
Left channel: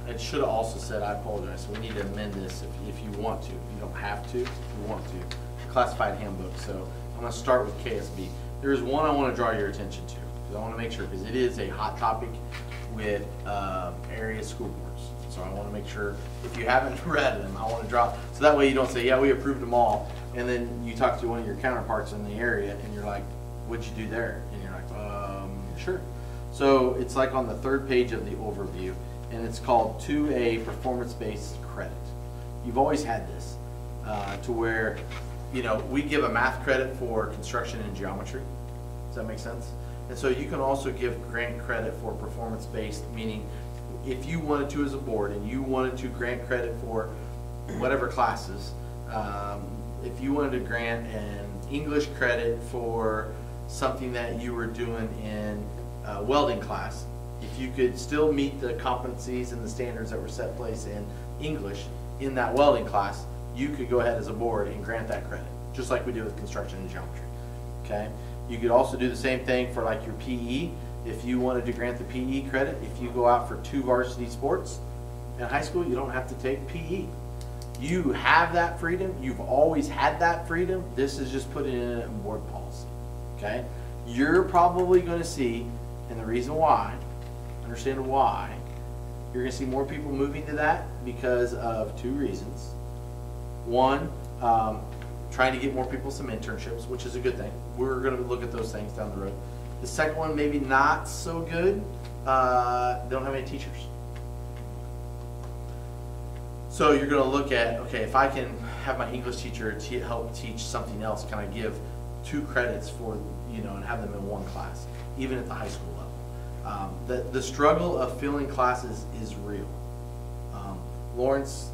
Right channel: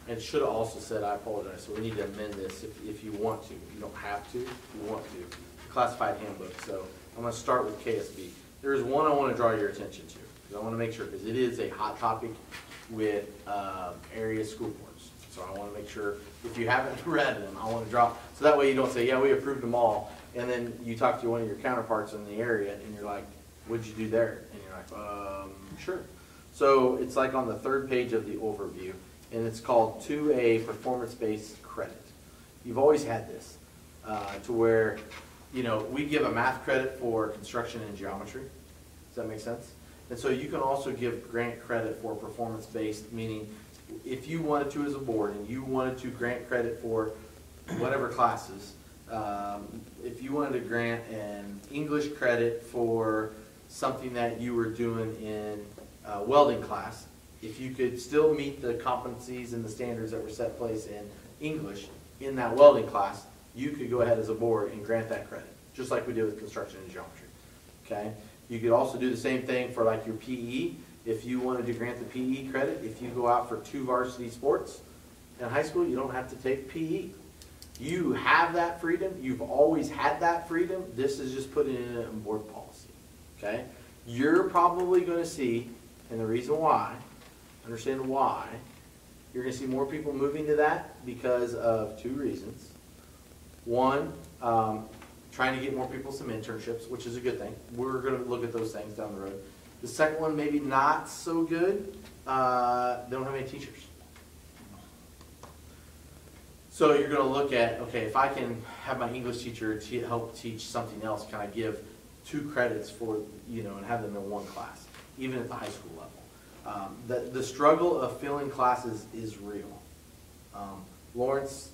It should have also said, I apologize, so we need to amend this if you want to. You don't have to, if you want to. Classified handbook, so I'm gonna start with KSB. There's one I wanna draw your attention to, because I wanna make sure, because it is a hot topic with area school boards. So I wanna make sure, if you haven't read them, I wanna draw, so that way you don't say, yeah, we approved them all, and then you talk to one of your counterparts in the area, and you're like, what'd you do there? And you're like, sure. So it's like on the third page of the overview. and it's called 2A performance-based credit. You've always had this, to where, you know, we give a math credit for construction and geometry. Does that make sense? And so you can also give grant credit for performance-based, meaning if you wanted to as a board and you wanted to grant credit for whatever classes, if you wanted to grant an English credit for something that you were doing in welding class, if you could still meet the competencies and the standards that were set in place in English in that welding class, you could go ahead as a board and grant that credit, just like we do with construction and geometry. Okay? You could also do the same thing for like your PE. If you wanted to grant the PE credit, if you go out for 2 varsity sports in high school, you don't have to take PE. You have that freedom. You've always had that freedom. This is just putting it in board policy. Okay? You're probably going to see, and the reason why, understand why, you're going to see more people moving to that because of 2 reasons. One, trying to get more people some internships, which is a good thing. We're going to look at those things down the road. The second one, maybe not so good. They don't have any teachers. So you're going to look at, okay, if I can have my English teacher help teach something else, can I give 2 credits for, you know, and have them in 1 class, even at the high school level? The struggle of filling classes is real. Lawrence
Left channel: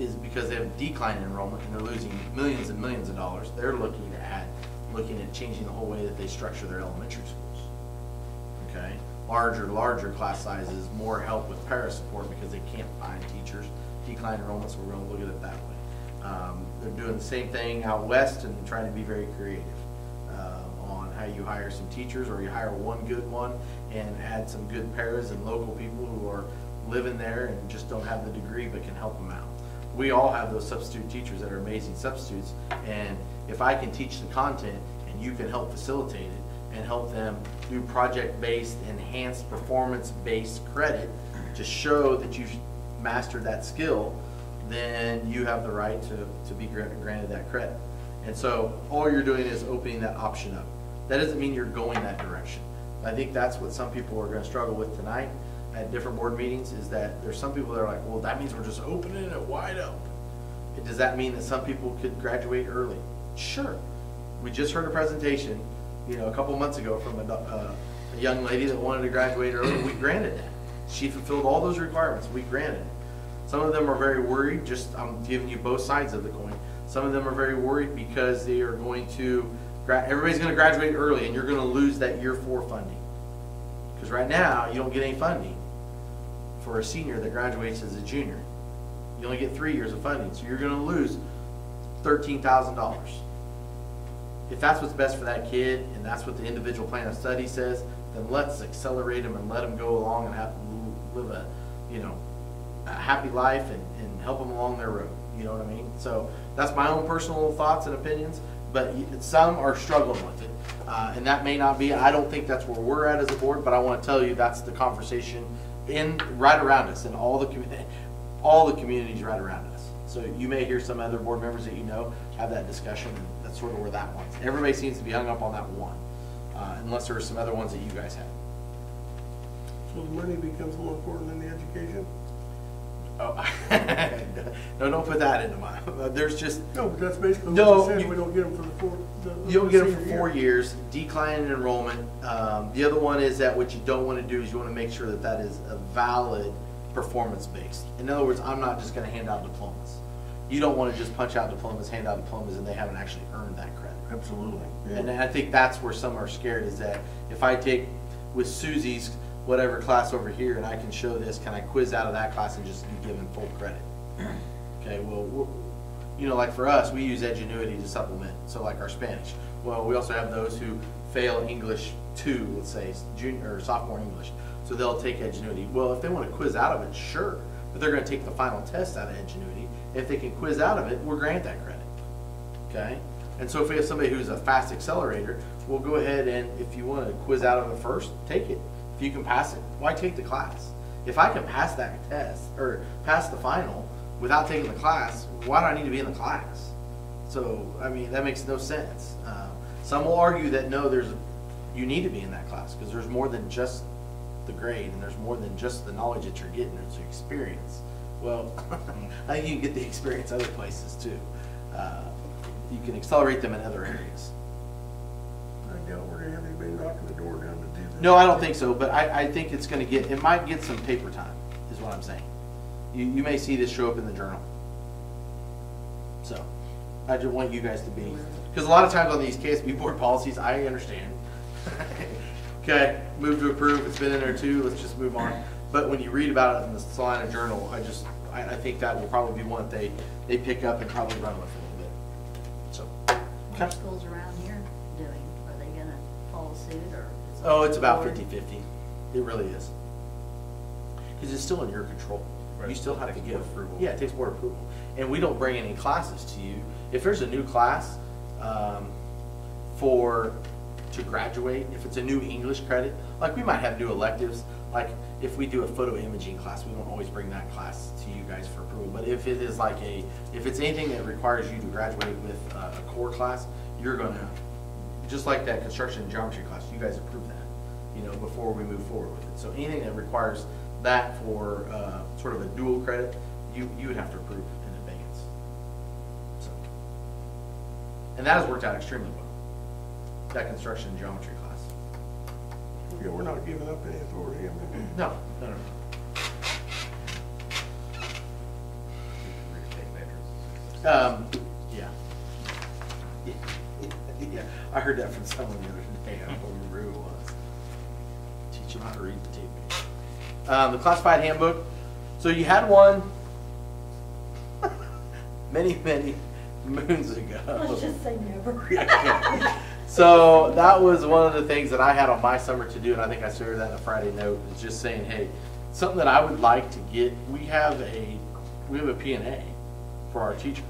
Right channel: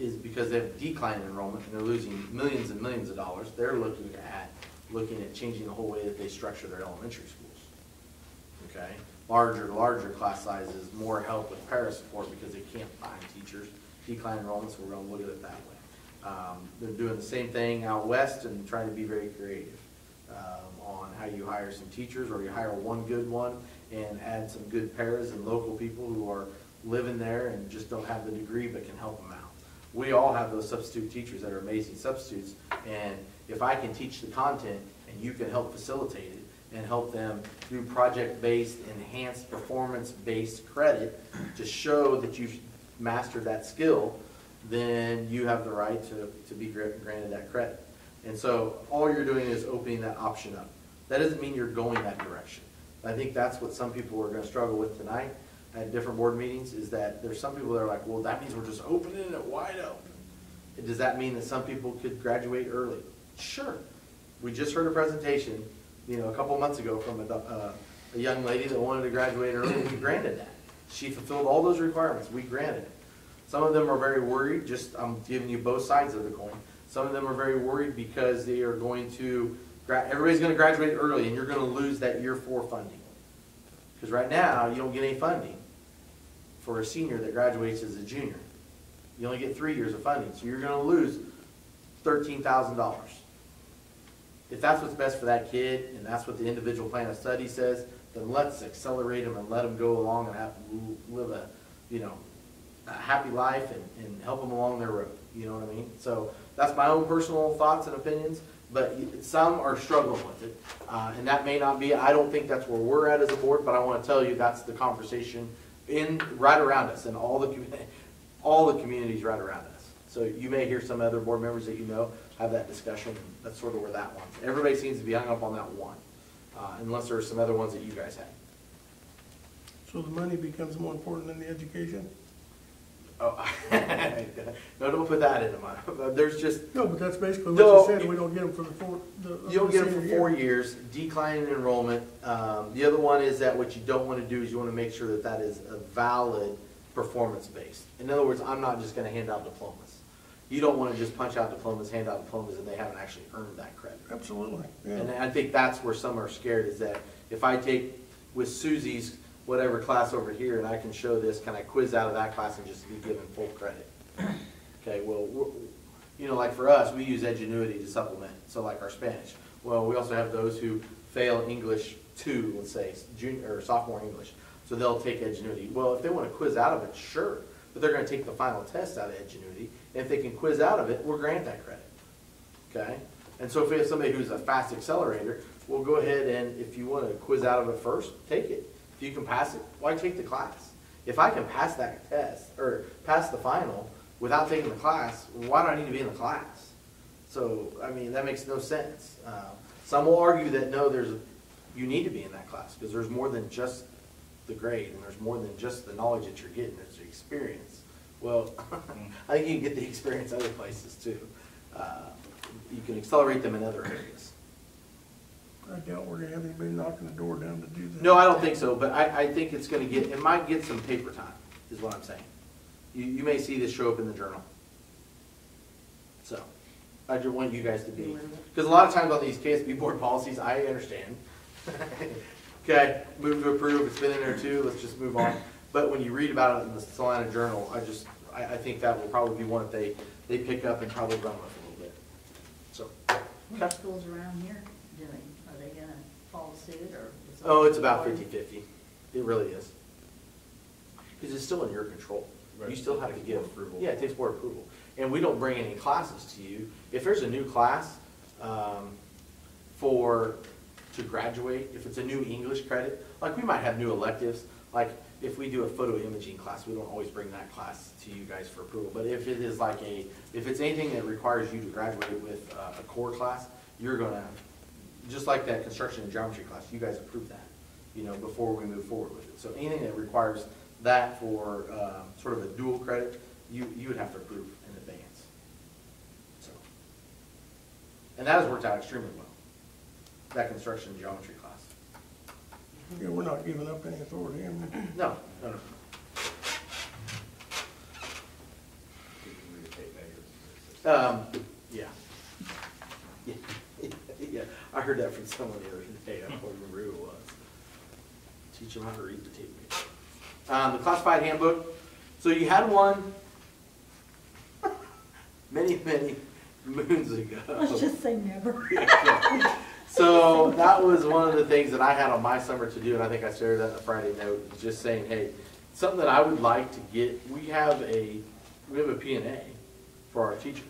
is, because they have decline in enrollment and they're losing millions and millions of dollars, they're looking at changing the whole way that they structure their elementary schools. Okay? Larger class sizes, more help with para support because they can't find teachers. Decline enrollment, so we're going to look at it that way. They're doing the same thing out west and trying to be very creative on how you hire some teachers, or you hire one good one and add some good paras and local people who are living there and just don't have the degree but can help them out. We all have those substitute teachers that are amazing substitutes, and if I can teach the content and you can help facilitate it and help them do project-based, enhanced performance-based credit to show that you've mastered that skill, then you have the right to be granted that credit. And so all you're doing is opening that option up. That doesn't mean you're going that direction. I think that's what some people are going to struggle with tonight at different board meetings, is that there's some people that are like, well, that means we're just opening it wide open. Does that mean that some people could graduate early? Sure. We just heard a presentation, you know, a couple of months ago from a young lady that wanted to graduate early. We granted that. She fulfilled all those requirements. We granted it. Some of them are very worried. Just, I'm giving you both sides of the coin. Some of them are very worried because they are going to, everybody's going to graduate early and you're going to lose that year 4 funding. Because right now, you don't get any funding for a senior that graduates as a junior. You only get 3 years of funding, so you're going to lose $13,000. If that's what's best for that kid, and that's what the individual plan of study says, then let's accelerate them and let them go along and live a, you know, a happy life and help them along their road. You know what I mean? So that's my own personal thoughts and opinions, but some are struggling with it. And that may not be, I don't think that's where we're at as a board, but I want to tell you that's the conversation right around us and all the communities right around us. So you may hear some other board members that you know have that discussion. That's sort of where that one's. Everybody seems to be hung up on that one, unless there are some other ones that you guys have. So the money becomes more important than the education? Oh, no, don't put that into my. There's just No, but that's basically what No, you said. We don't get them for you don't get them for senior 4 year. years. Decline in enrollment. The other one is that what you don't want to do is you want to make sure that that is a valid performance based. In other words, I'm not just going to hand out diplomas. You don't want to just punch out diplomas, hand out diplomas, and they haven't actually earned that credit. Absolutely. Yeah. And I think that's where some are scared, is that if I take with Susie's whatever class over here and I can show this, can I quiz out of that class and just be given full credit? Okay, well, you know, like for us, we use Edgenuity to supplement. So like our Spanish. Well, we also have those who fail English 2, let's say, junior or sophomore English. So they'll take Edgenuity. Well, if they want to quiz out of it, sure. But they're going to take the final test out of Edgenuity. If they can quiz out of it, we'll grant that credit. Okay? And so if we have somebody who's a fast accelerator, we'll go ahead and if you want to quiz out of it first, take it. If you can pass it, why take the class? If I can pass that test or pass the final without taking the class, why do I need to be in the class? So, I mean, that makes no sense. Some will argue that no, you need to be in that class because there's more than just the grade, and there's more than just the knowledge that you're getting, it's your experience. Well, I think you can get the experience other places too. You can accelerate them in other areas. I doubt we're gonna have anybody knocking the door down to do that. No, I don't think so, but I think it's gonna get, it might get some paper time, is what I'm saying. You may see this show up in the journal. So, I just want you guys to be, because a lot of times on these KSB board policies, I understand. Okay, move to approve, it's been in there too, let's just move on. But when you read about it in the Salina Journal, I think that will probably be one that they pick up and probably run with a little bit. So, What are schools around here doing? Are they gonna follow suit or? oh, it's about 50-50. It really is. Because it's still in your control. Right, You still it have to takes give board approval. Yeah, it takes board approval. And we don't bring any classes to you. If there's a new class to graduate, if it's a new English credit, like we might have new electives, like if we do a photo imaging class, we don't always bring that class to you guys for approval. But if it is like if it's anything that requires you to graduate with a core class, you're gonna, just like that construction and geometry class, you guys approve that, before we move forward with it. So anything that requires that for sort of a dual credit, you would have to approve in advance. So, and that has worked out extremely well, that construction and geometry class. Yeah, we're not giving up any authority. No. Yeah. Yeah, I heard that from someone the other day. I don't remember who it was. Teach them how to read the tape. The classified handbook. So you had one many moons ago. Let's just say never. So that was one of the things that I had on my summer to do, and I think I shared that in a Friday note, is just saying, hey, something that I would like to get, we have a P&A for our teachers.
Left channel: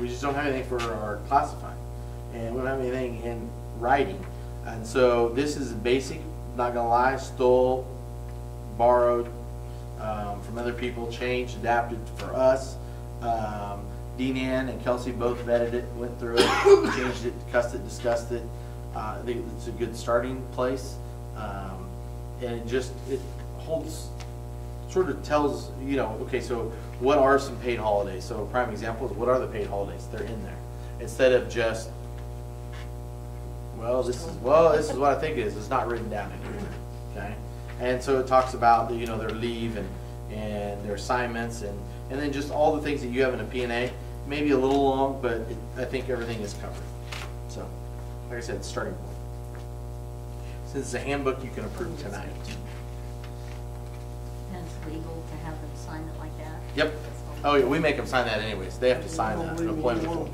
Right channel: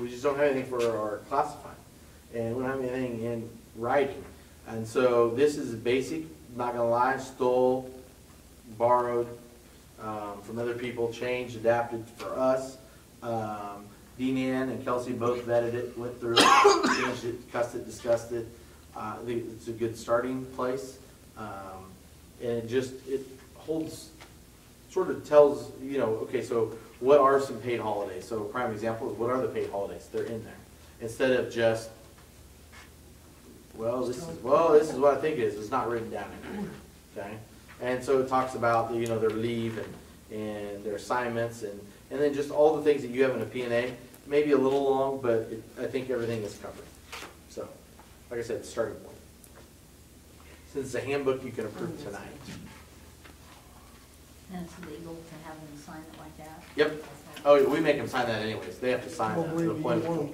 We just don't have anything for our classified. And we don't have anything in writing. And so this is basic, not gonna lie, stole, borrowed from other people, changed, adapted for us. Dean Ann and Kelsey both vetted it, went through it, changed it, discussed it. I think it's a good starting place. And it holds, sort of tells, okay, so what are some paid holidays? So a prime example is, what are the paid holidays? They're in there. Instead of just, this is what I think it is. It's not written down in here, okay? And so it talks about, their leave and their assignments and then just all the things that you have in a P&A. Maybe a little long, but I think everything is covered. So, like I said, it's starting point. Since it's a handbook, you can approve tonight. And it's legal to have them sign it like that? Yep. Oh, yeah, we make them sign that anyways. They have to sign that. An employment form.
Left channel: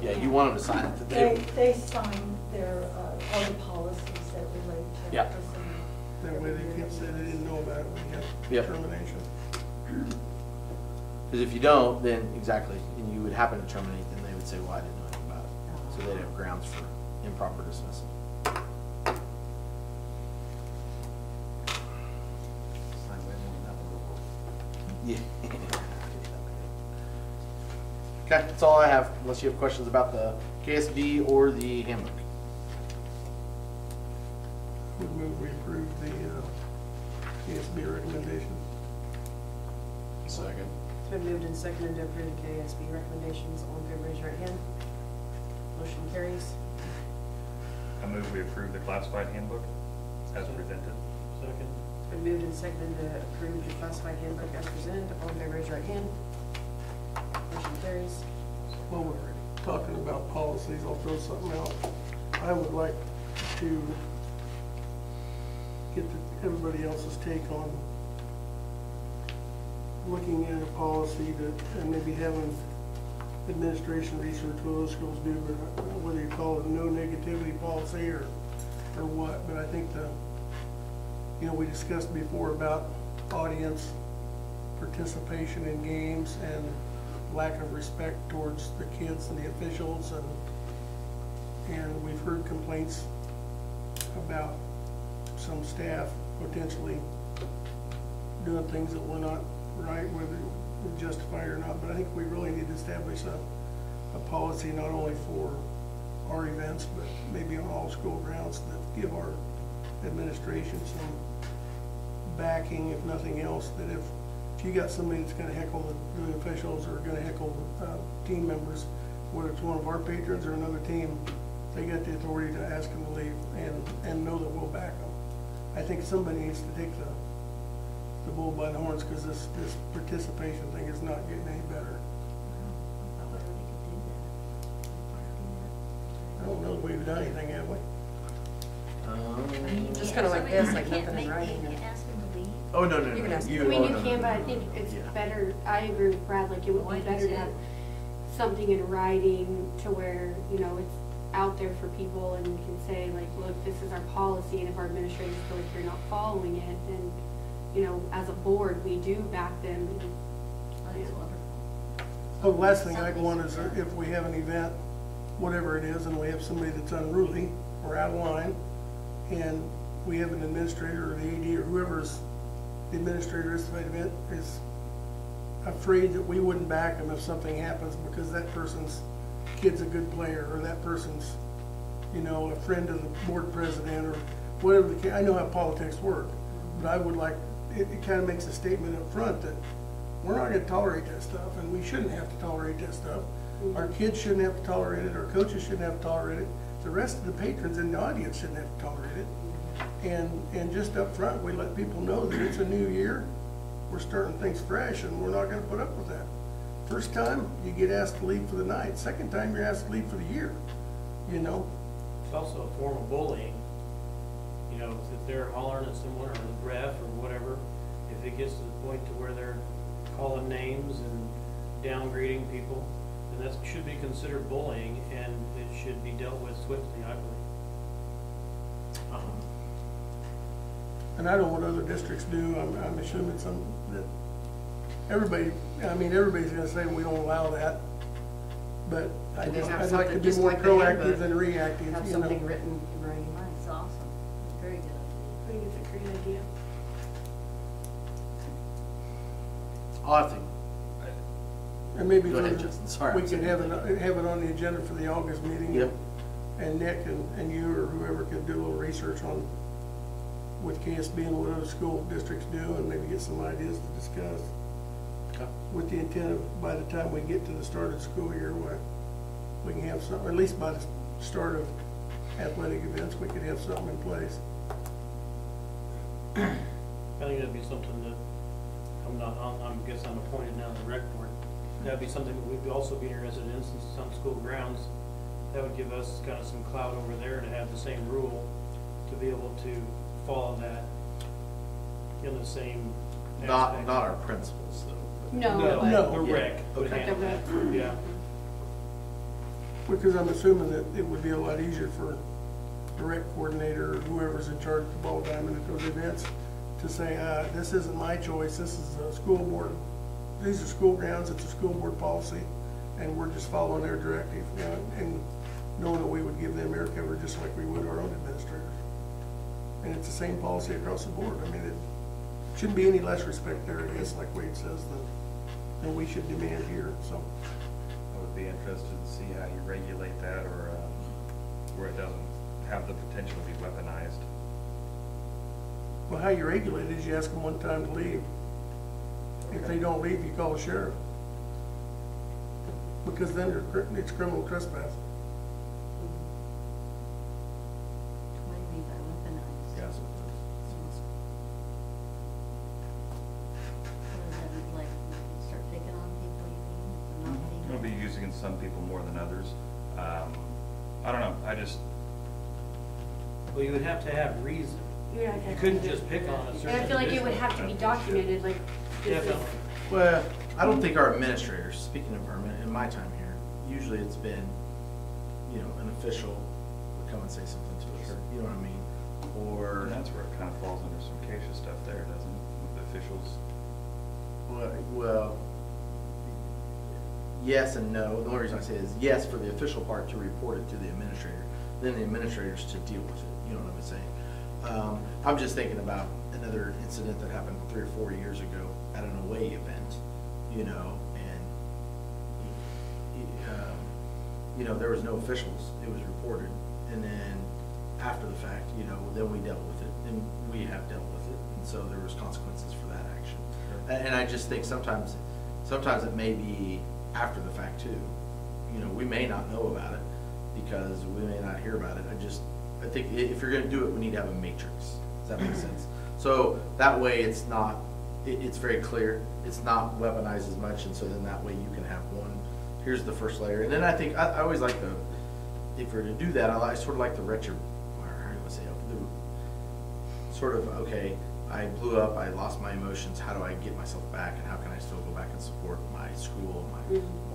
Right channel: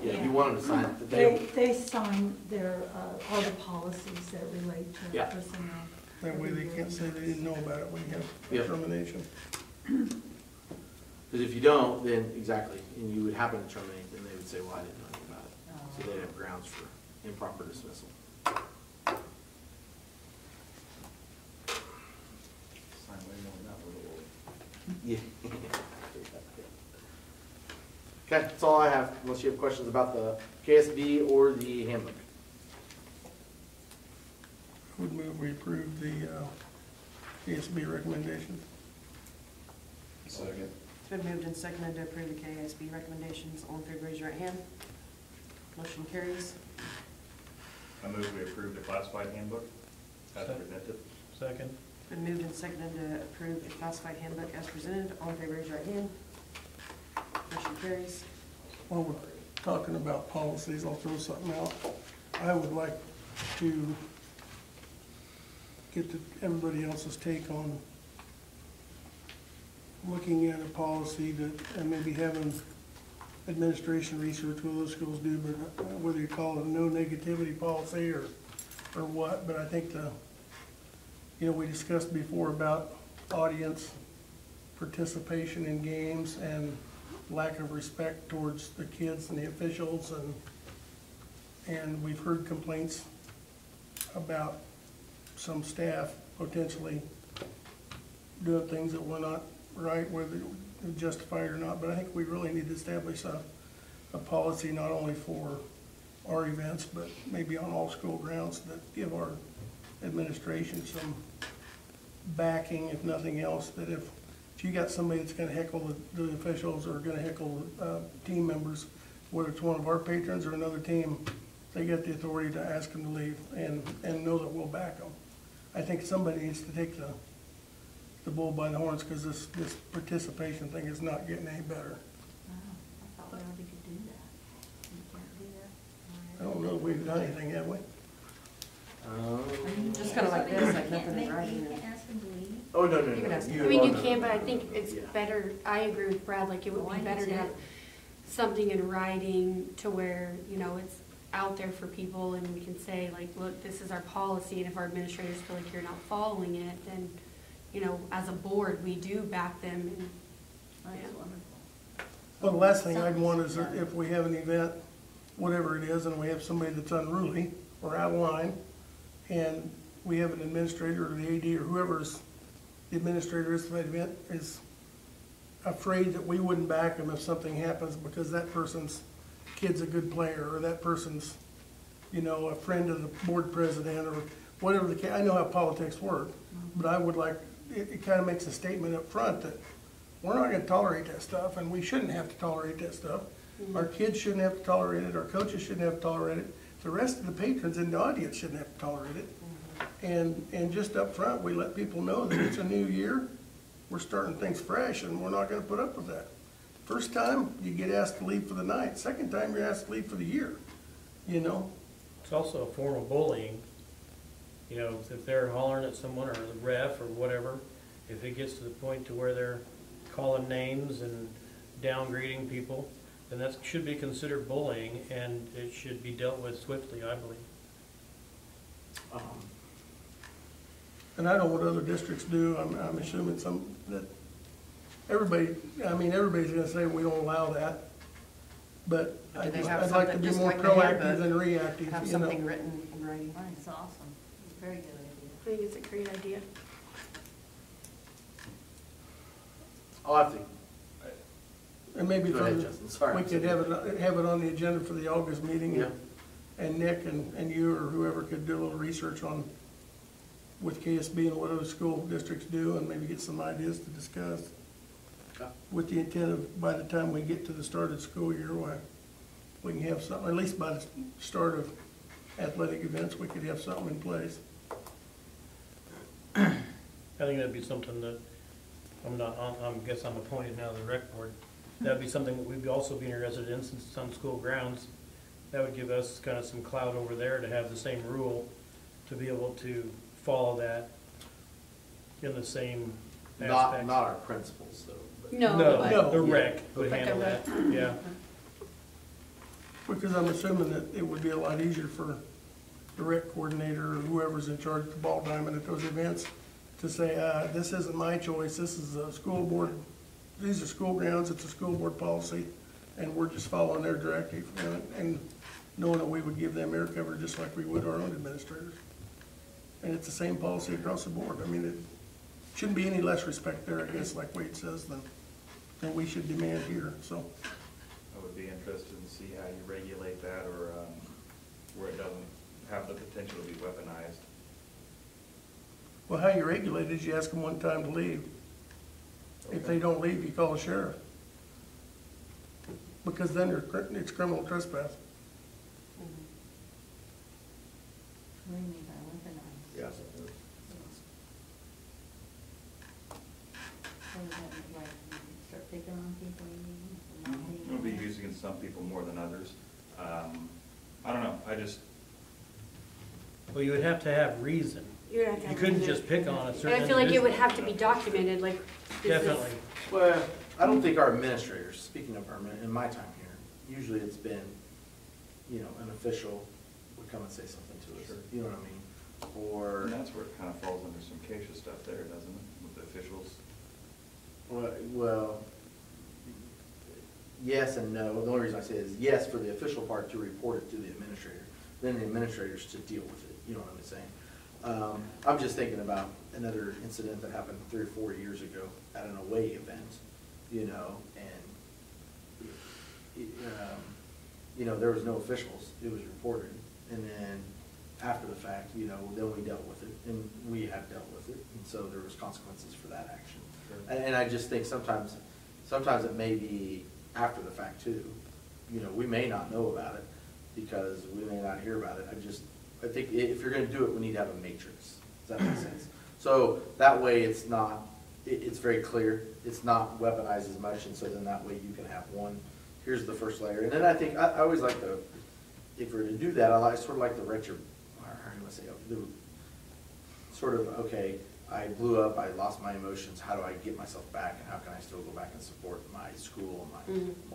Yeah, you want them to sign it. They sign their, all the policies that relate to Yeah. personnel. That way they can't say they didn't know about it when you Yep. have termination. Because if you don't, then exactly, and you would happen to terminate, then they would say, well, I didn't know anything about it. So they'd have grounds for improper dismissal. Yeah. Okay, that's all I have, unless you have questions about the KSB or the handbook. Would move we approve the KSB recommendation. Second. It's been moved and seconded to approve the KSB recommendations. All in favor, raise your right hand. Motion carries. I move we approve the classified handbook as presented. Second. It's been moved and seconded to approve the classified handbook as presented. All in favor, raise your right hand. Motion carries. While we're talking about policies, I'll throw something out. I would like to get everybody else's take on looking at a policy that, and maybe having administration research what those schools do, but whether you call it a no negativity policy or what, but I think we discussed before about audience participation in games and lack of respect towards the kids and the officials, and we've heard complaints about some staff potentially doing things that were not right, whether justified or not. But I think we really need to establish a policy not only for our events, but maybe on all school grounds, that give our administration backing, if nothing else, that if you got somebody that's gonna heckle the officials or gonna heckle team members, whether it's one of our patrons or another team, they got the authority to ask them to leave and know that we'll back them. I think somebody needs to take the bull by the horns, because this participation thing is not getting any better. I thought we already could do that. I don't know if we've done anything, have we? Just kind of like this, like You can't nothing in make- writing. You and- can't ask them to leave. Oh, no, no, You can no. ask- I mean, you can, but I think it's Yeah. better, I agree with Brad, like, it would Why be does better to it- have something in writing to where, you know, it's out there for people and we can say, like, look, this is our policy, and if our administrators feel like you're not following it, then, you know, as a board, we do back them. And, That's wonderful. The last thing I'd want is if we have an event, whatever it is, and we have somebody that's unruly or out of line, and we have an administrator or the AD or whoever's the administrator is for that event is afraid that we wouldn't back them if something happens because that person's kid's a good player, or that person's, you know, a friend of the board president, or whatever the case. I know how politics work, but I would like, it kind of makes a statement up front that we're not gonna tolerate that stuff, and we shouldn't have to tolerate that stuff. Our kids shouldn't have to tolerate it, our coaches shouldn't have to tolerate it, the rest of the patrons in the audience shouldn't have to tolerate it. And just up front, we let people know that it's a new year, we're starting things fresh, and we're not gonna put up with that. First time, you get asked to leave for the night. Second time, you're asked to leave for the year, you know? It's also a form of bullying. You know, if they're hollering at someone or the ref or whatever, if it gets to the point to where they're calling names and downgrading people, then that should be considered bullying, and it should be dealt with swiftly, I believe. And I don't know what other districts do. I'm assuming that everybody, I mean, everybody's gonna say we don't allow that. But Do they have I'd like to something be just more like they have proactive than reactive, Have you something know? written in writing. That's awesome. Very good I think it's a great idea. I'll have to, And maybe Go ahead, for- Justin. Sorry. we could have it on the agenda for the August meeting. Yep. And Nick and you or whoever could do a little research on with KSB and what other school districts do, and maybe get some ideas to discuss. Okay. With the intent of, by the time we get to the start of the school year, we can have something, at least by the start of athletic events, we could have something in place. I think that'd be something that, I guess I'm appointed now to the rec board. That'd be something that would also be in residence in some school grounds. That would give us kind of some clout over there to have the same rule, to be able to follow that in the same aspect. not our principals, though. No. The rec would Like a handle that, rec. yeah. Because I'm assuming that it would be a lot easier for the rec coordinator or whoever's in charge of the ball diamond at those events to say, this isn't my choice, this is a school board, these are school grounds, it's a school board policy, and we're just following their directive, and knowing that we would give them air cover just like we would our own administrators. And it's the same policy across the board. I mean, it shouldn't be any less respect there, I guess, like Wade says, than we should demand here, so. I would be interested to see how you regulate that, or where it doesn't have the potential to be weaponized. Well, how you regulate it is you ask them one time to leave. If they don't leave, you call the sheriff. Because then it's criminal trespass. What do you mean by weaponized? Yes. What does that mean, like, you start picking on people, you mean, for not being? It'll be using some people more than others. I don't know, Well, you would have to have reason. You would have to You have couldn't to- just pick on a certain And I feel like it would individual. have to be documented, like. this is- Definitely. Well, I don't think our administrators, speaking of our, in my time here, usually it's been, you know, an official would come and say something to us, you know what I mean? Or, and that's where it kind of falls under some CASA stuff there, doesn't it? With the officials. well, yes and no. The only reason I say is yes for the official part to report it to the administrator, then the administrators to deal with it, you know what I'm saying? I'm just thinking about another incident that happened 3 or 4 years ago at an away event, you know, and, you know, there was no officials, it was reported, and then after the fact, you know, then we dealt with it, and we have dealt with it, and so there was consequences for that action. And I just think sometimes it may be after the fact too. You know, we may not know about it because we may not hear about it. I think if you're gonna do it, we need to have a matrix. Does that make sense? So that way it's not, it's very clear. It's not weaponized as much, and so then that way you can have one, here's the first layer. And then I think, I always like if we're to do that, I sort of like the retro, or how do you want to say it? Sort of, okay, I blew up, I lost my emotions, how do I get myself back, and how can I still go back and support my school,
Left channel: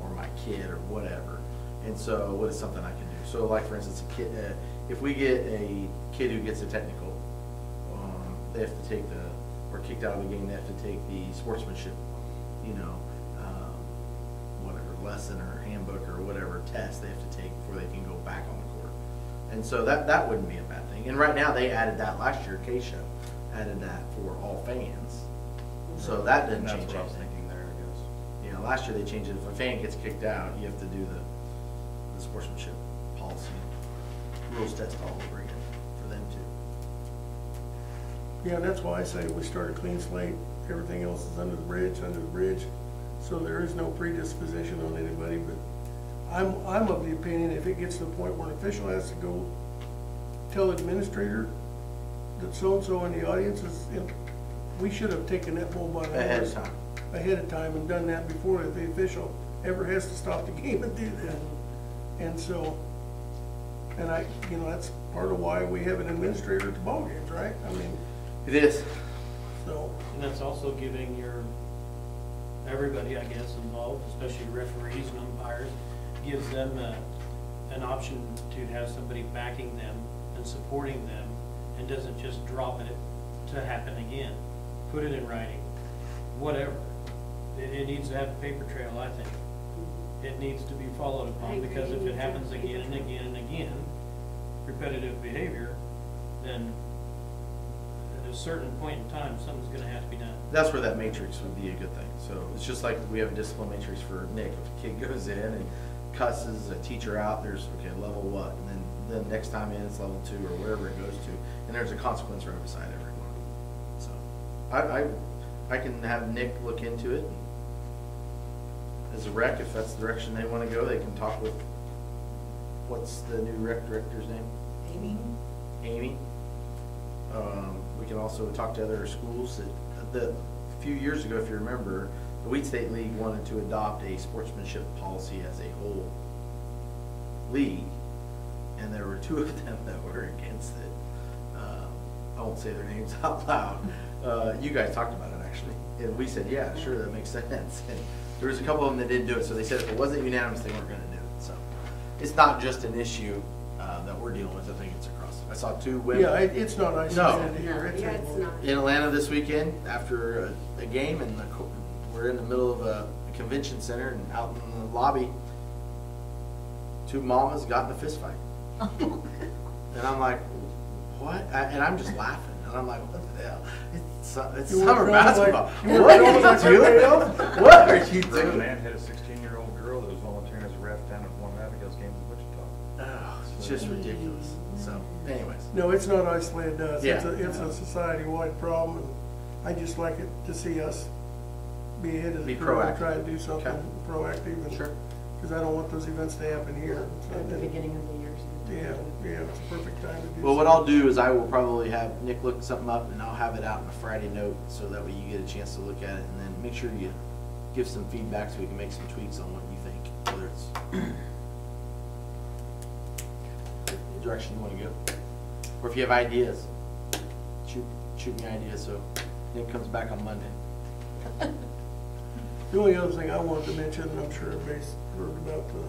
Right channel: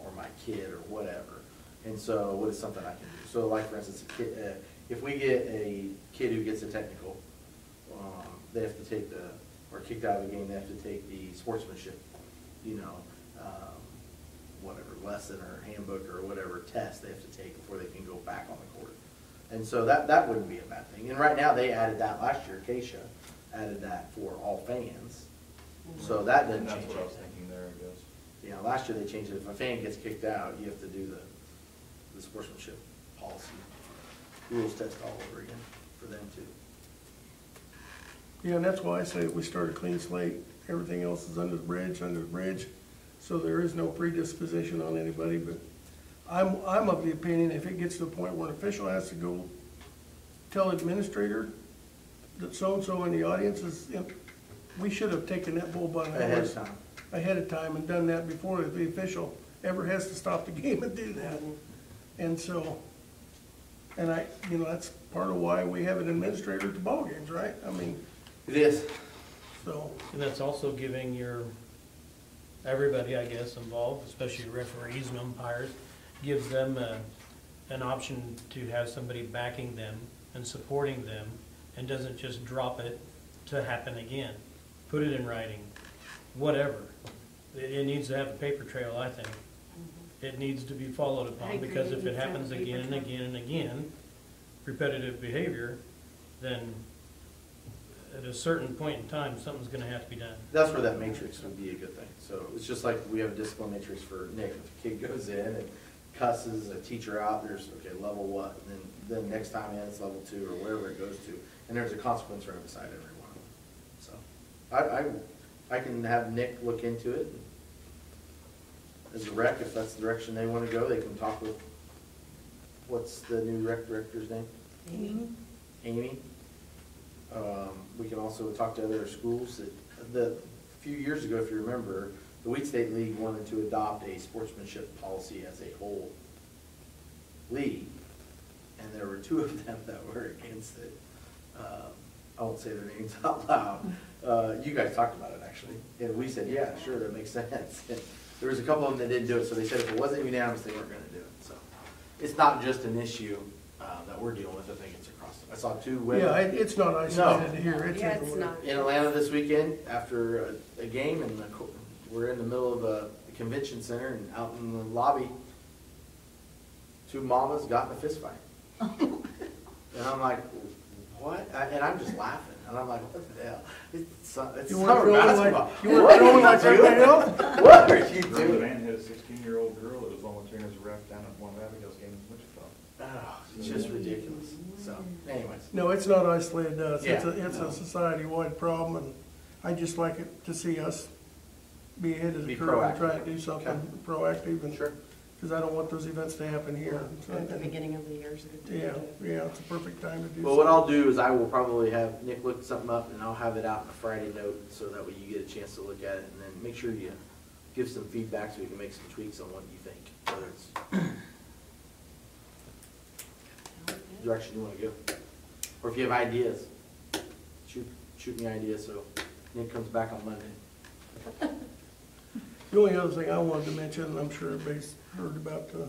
or my kid, or whatever. And so what is something I can do? So like, for instance, a kid, if we get a kid who gets a technical, they have to take or kicked out of the game, they have to take the sportsmanship, whatever lesson or handbook or whatever test they have to take before they can go back on the court. And so that wouldn't be a bad thing. And right now they added that last year, Keisha added that for all fans. So that didn't change That's what I was anything. thinking there, I guess. Yeah, last year they changed it. If a fan gets kicked out, you have to do the sportsmanship policy rules test all over again for them too. Yeah, and that's why I say we start a clean slate. Everything else is under the bridge, so there is no predisposition on anybody. But I'm of the opinion if it gets to the point where an official has to go tell the administrator that so-and-so in the audience is, we should have taken that bull by the horse ahead of time and done that before the official ever has to stop the game and do that. And so, and that's part of why we have an administrator at the ball games, right? I mean, It is. so. And that's also giving everybody, I guess, involved, especially referees and umpires, gives them an option to have somebody backing them and supporting them, and doesn't just drop it to happen again. Put it in writing, whatever. It needs to have a paper trail, I think. It needs to be followed upon, because if it happens again and again and again, repetitive behavior, then at a certain point in time, something's gonna have to be done. That's where that matrix would be a good thing. So it's just like we have a discipline matrix for Nick. If a kid goes in and cusses a teacher out, there's, okay, level what? And then next time in, it's level 2 or wherever it goes to. And there's a consequence right beside every one. So I can have Nick look into it. As a rec, if that's the direction they want to go, they can talk with, what's the new rec director's name? Amy. We can also talk to other schools. A few years ago, if you remember, the Wheat State League wanted to adopt a sportsmanship policy as a whole league, and there were 2 of them that were against it. I won't say their names out loud. You guys talked about it, actually, and we said, yeah, sure, that makes sense. And there was a couple of them that didn't do it, so they said if it wasn't unanimous, they weren't going to do it. So it's not just an issue that we're dealing with. I think it's across. I saw 2 women. Yeah, it's not isolated here. Yeah, it's not. In Atlanta this weekend after a game, and we're in the middle of a convention center, and out in the lobby, 2 mamas got in a fist fight. And I'm like, what? And I'm just laughing. And I'm like, what the hell? It's summer basketball. What are you doing? What are you A doing? man hit a 16-year-old girl that was volunteering as a ref down at one Abigail's game in Wichita. Oh, it's just ridiculous. So, anyways. No, it's not isolated to us. Yeah. It's a society-wide problem, and I just like it to see us be ahead of the Be curve and proactive. try to do something Okay. proactive. And, Sure. because I don't want those events to happen here. At the beginning of the year is a good time. Yeah, it's a perfect time to do Well, what I'll do is I will probably have Nick look something up, and I'll have it out in a Friday note, so that way you get a chance to look at it, and then make sure you give some feedback so we can make some tweaks on what you think, whether it's the direction you want to go. Or if you have ideas, shoot me ideas so Nick comes back on Monday. The only other thing I wanted to mention, and I'm sure everybody's heard about the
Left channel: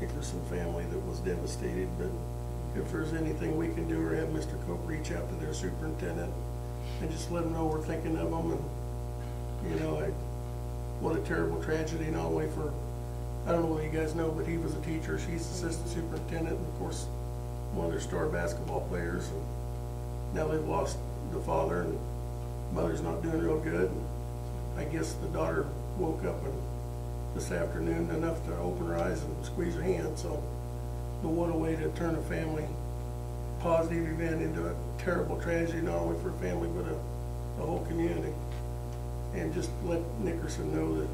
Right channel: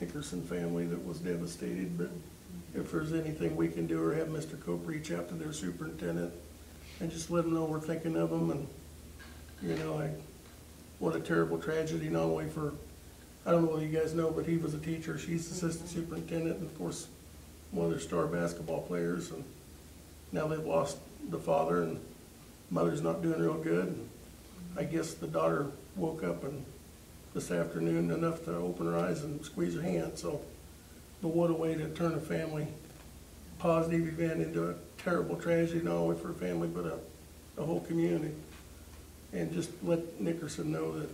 Hickerson family that was devastated, but if there's anything we can do, or have Mr. Cope reach out to their superintendent and just let them know we're thinking of them. And, what a terrible tragedy, not only for, I don't know whether you guys know, but he was a teacher, she's assistant superintendent, and of course, one of their star basketball players. And now they've lost the father, and mother's not doing real good. I guess the daughter woke up this afternoon enough to open her eyes and squeeze her hand. So, what a way to turn a family positive event into a terrible tragedy, not only for a family, but a the whole community. And just let Nickerson know that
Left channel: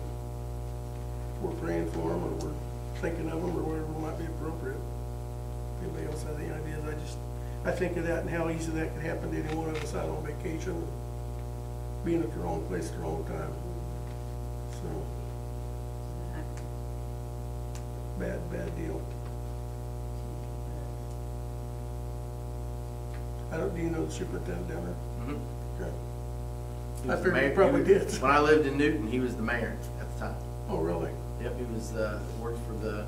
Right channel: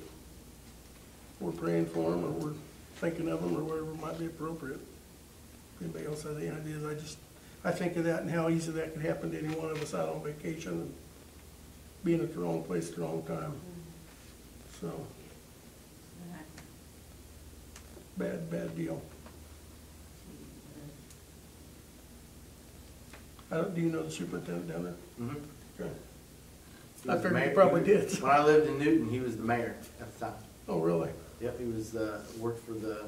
we're praying for him and we're thinking of him or whatever might be appropriate. Anybody else have any ideas? I think of that and how easy that could happen to any one of us out on vacation and being at the wrong place at the wrong time. So, bad deal. Do you know the superintendent down there? Mm-hmm. Okay. He I was the figured you mayor. probably He was- did. When I lived in Newton, he was the mayor at the time. Oh, really? Yep, he was worked for the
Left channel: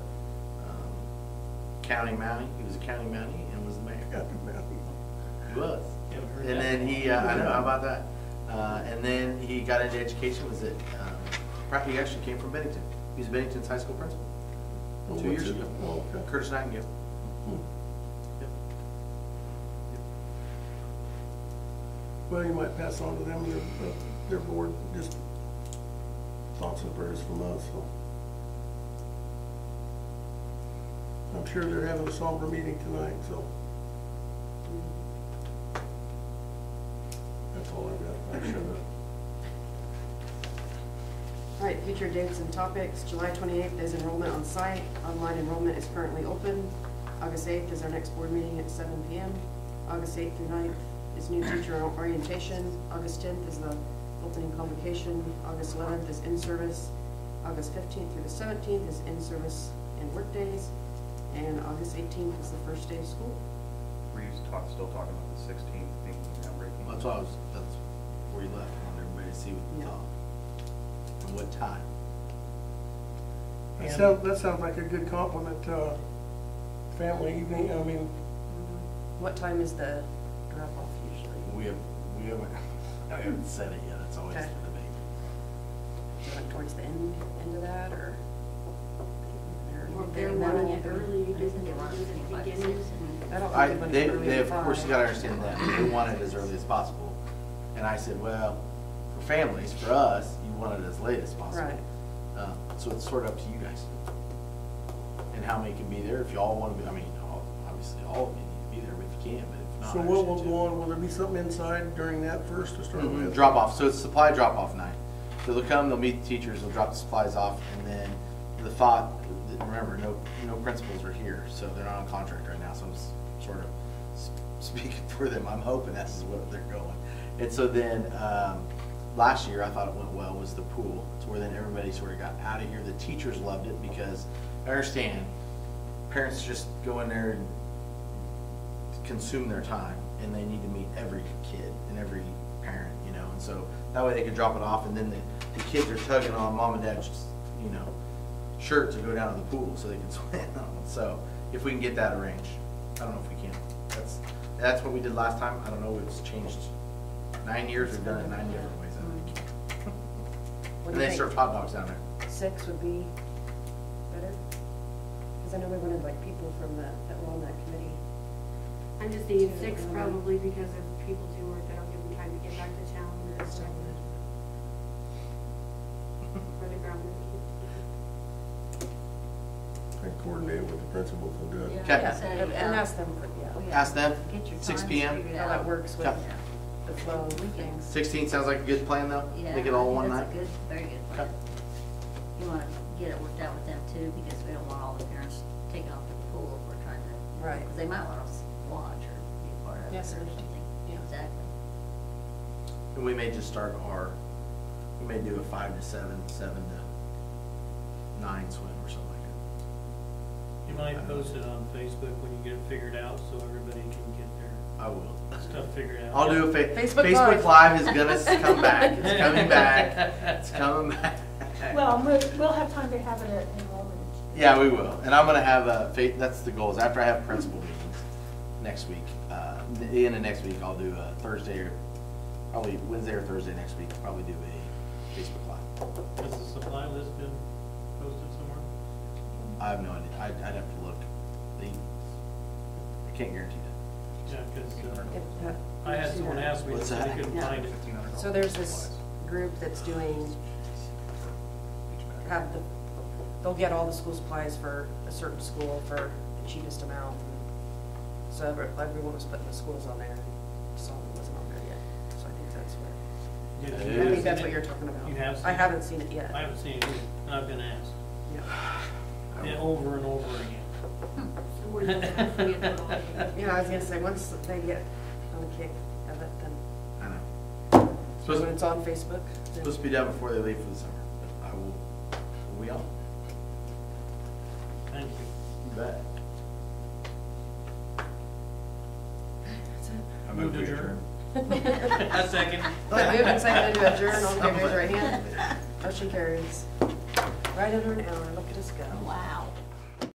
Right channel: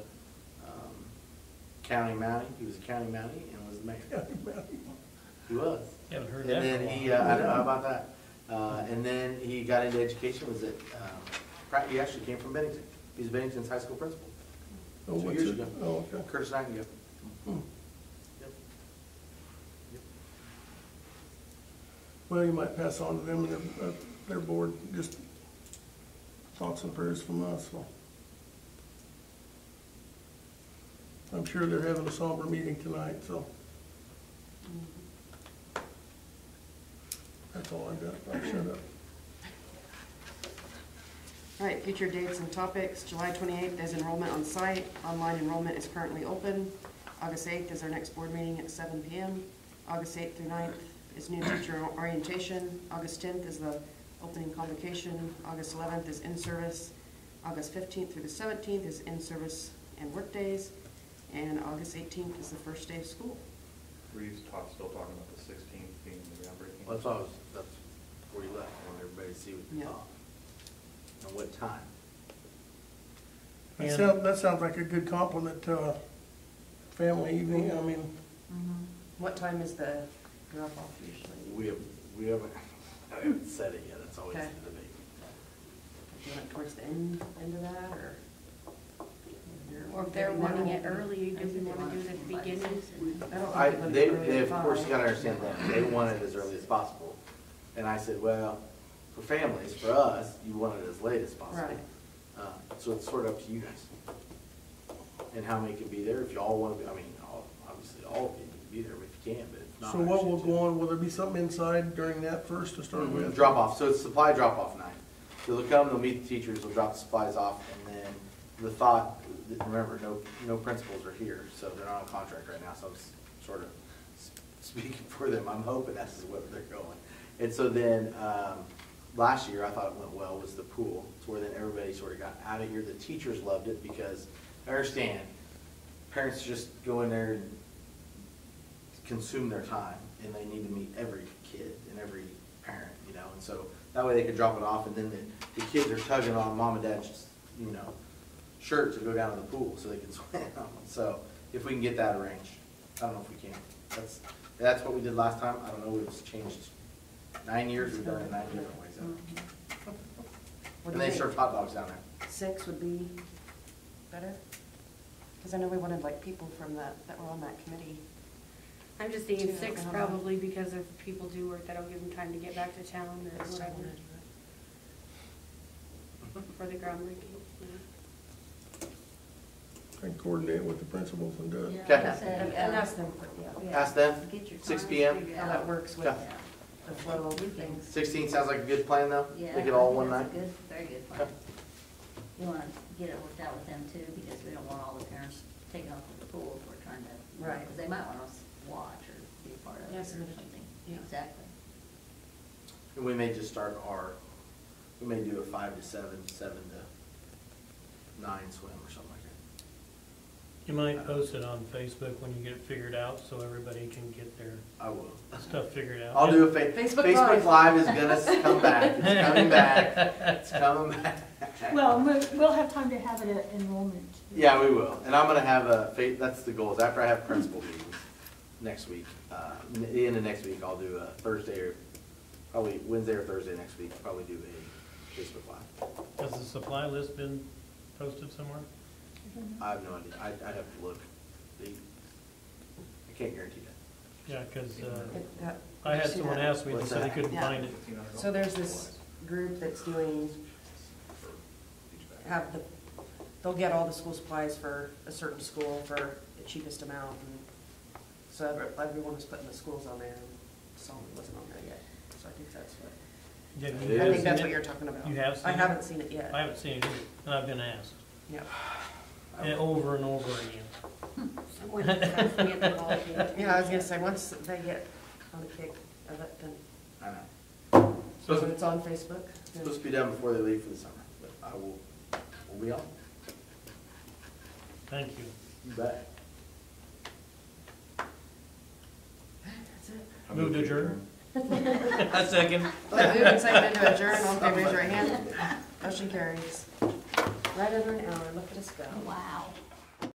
county Mountie. He was a county Mountie and was the mayor. He was. Haven't heard And that then before. he, I don't know about that. And then he got into education. Was it? He actually came from Bennington. He was Bennington's high school principal Oh, 2 what's years it? ago. Oh, okay. Curtis Nightingale. Hmm. Yep. Well, you might pass on to them and their board, just thoughts and prayers from us, so. I'm sure they're having a somber meeting tonight, so. That's all I've got. I'll shut up. All right, future dates and topics. July 28th is enrollment on site. Online enrollment is currently open. August 8th is our next board meeting at 7 p.m. August 8th through 9th is new teacher orientation. August 10th is the opening convocation. August 11th is in-service. August 15th through the 17th is in-service and work days. And August 18th is the first day of school. Were you still talking about the 16th being groundbreaking? Well, that's where you left. I wanted everybody to see what you Yeah. thought. And what time. That sounds like a good compliment to family evening. I mean, What time is the drop-off usually? We haven't said it yet. It's always Okay. the debate. Is it towards the end of that, or? Or if they're wanting it early, do they want to do it at the beginning? I don't I, think they, it would be of course, you fine. gotta understand that, they want it as early as possible. And I said, well, for families, for us, you want it as late as possible. Right. So it's sort of up to you guys. And how many can be there, if you all wanna be, I mean, obviously, all of you need to be there if you can, but if not. so what will go on? Will there be something inside during that first to start with? Drop off, so it's supply drop off night. So they'll come, they'll meet the teachers, they'll drop the supplies off, and then the thought, remember, no principals are here, so they're not on contract right now, so I'm sort of speaking for them. I'm hoping that's what they're going. And so then, last year, I thought it went well, was the pool. It's where then everybody sort of got out of here. The teachers loved it because, I understand, parents just go in there and consume their time, and they need to meet every kid and every parent, you know, and so that way they could drop it off, and then the kids are tugging on mom and dad's, you know, shirt to go down to the pool so they can swim. So if we can get that arranged, I don't know if we can. That's what we did last time. I don't know, it's changed 9 years, we've done it 9 different ways. What And do they you serve think? hot dogs down there. 6 would be better? Because I know we wanted like people from that were on that committee. I'm just thinking 6 probably because if people do work, that'll give them time to get back to town or whatever. For the groundbreaking. And coordinate with the principals and do it. Okay. And ask them, Ask them, Get your 6 times p.m. figured how out. that works with Yeah. the flow of things. 16 sounds like a good plan though? Yeah, Make it all in one that's night? a good, very good Okay. plan. You wanna get it worked out with them too, because we don't want all the parents taking off at the pool if we're trying to. Right. Because they might wanna watch or be a part of it or Yes, something. yeah. Exactly. And we may just start we may do a 5 to 7, 7 to 9 swim or something like You might post it on Facebook when you get it figured out, so everybody can get their that. I will. stuff figured out. I'll do a Facebook Facebook Live. Live is gonna come back. It's coming back. It's coming back. Well, we'll have time to have it at enrollment. Yeah, we will. And I'm gonna have that's the goal, is after I have principal meetings next week, the end of next week, I'll do a Thursday or probably Wednesday or Thursday next week, I'll probably do a Facebook Live. Has the supply list been posted somewhere? I have no idea. I'd have to look. I can't guarantee that. Yeah, because I had someone ask me, they What's said that? they couldn't Yeah. find it. So there's this group that's doing, they'll get all the school supplies for a certain school for the cheapest amount. So everyone was putting the schools on there, and some wasn't on there yet. So I think that's what. Yeah, It you I is. think seen that's it? what you're talking about. You have seen I it? haven't seen it yet. I haven't seen it either, and I've been asked, Yeah. yeah, over and over again. So when does that get the ball game? Yeah, I was gonna say, once they get on the kick of it, then, I know. so when it's on Facebook, then. Supposed to be done before they leave for the summer, but I will be on. Thank you. You bet. That's it. I Move to adjourn. A second. Well, moved and seconded to adjourn, all in favor, raise your right hand. Motion carries. Right in an hour, look at us go. Wow.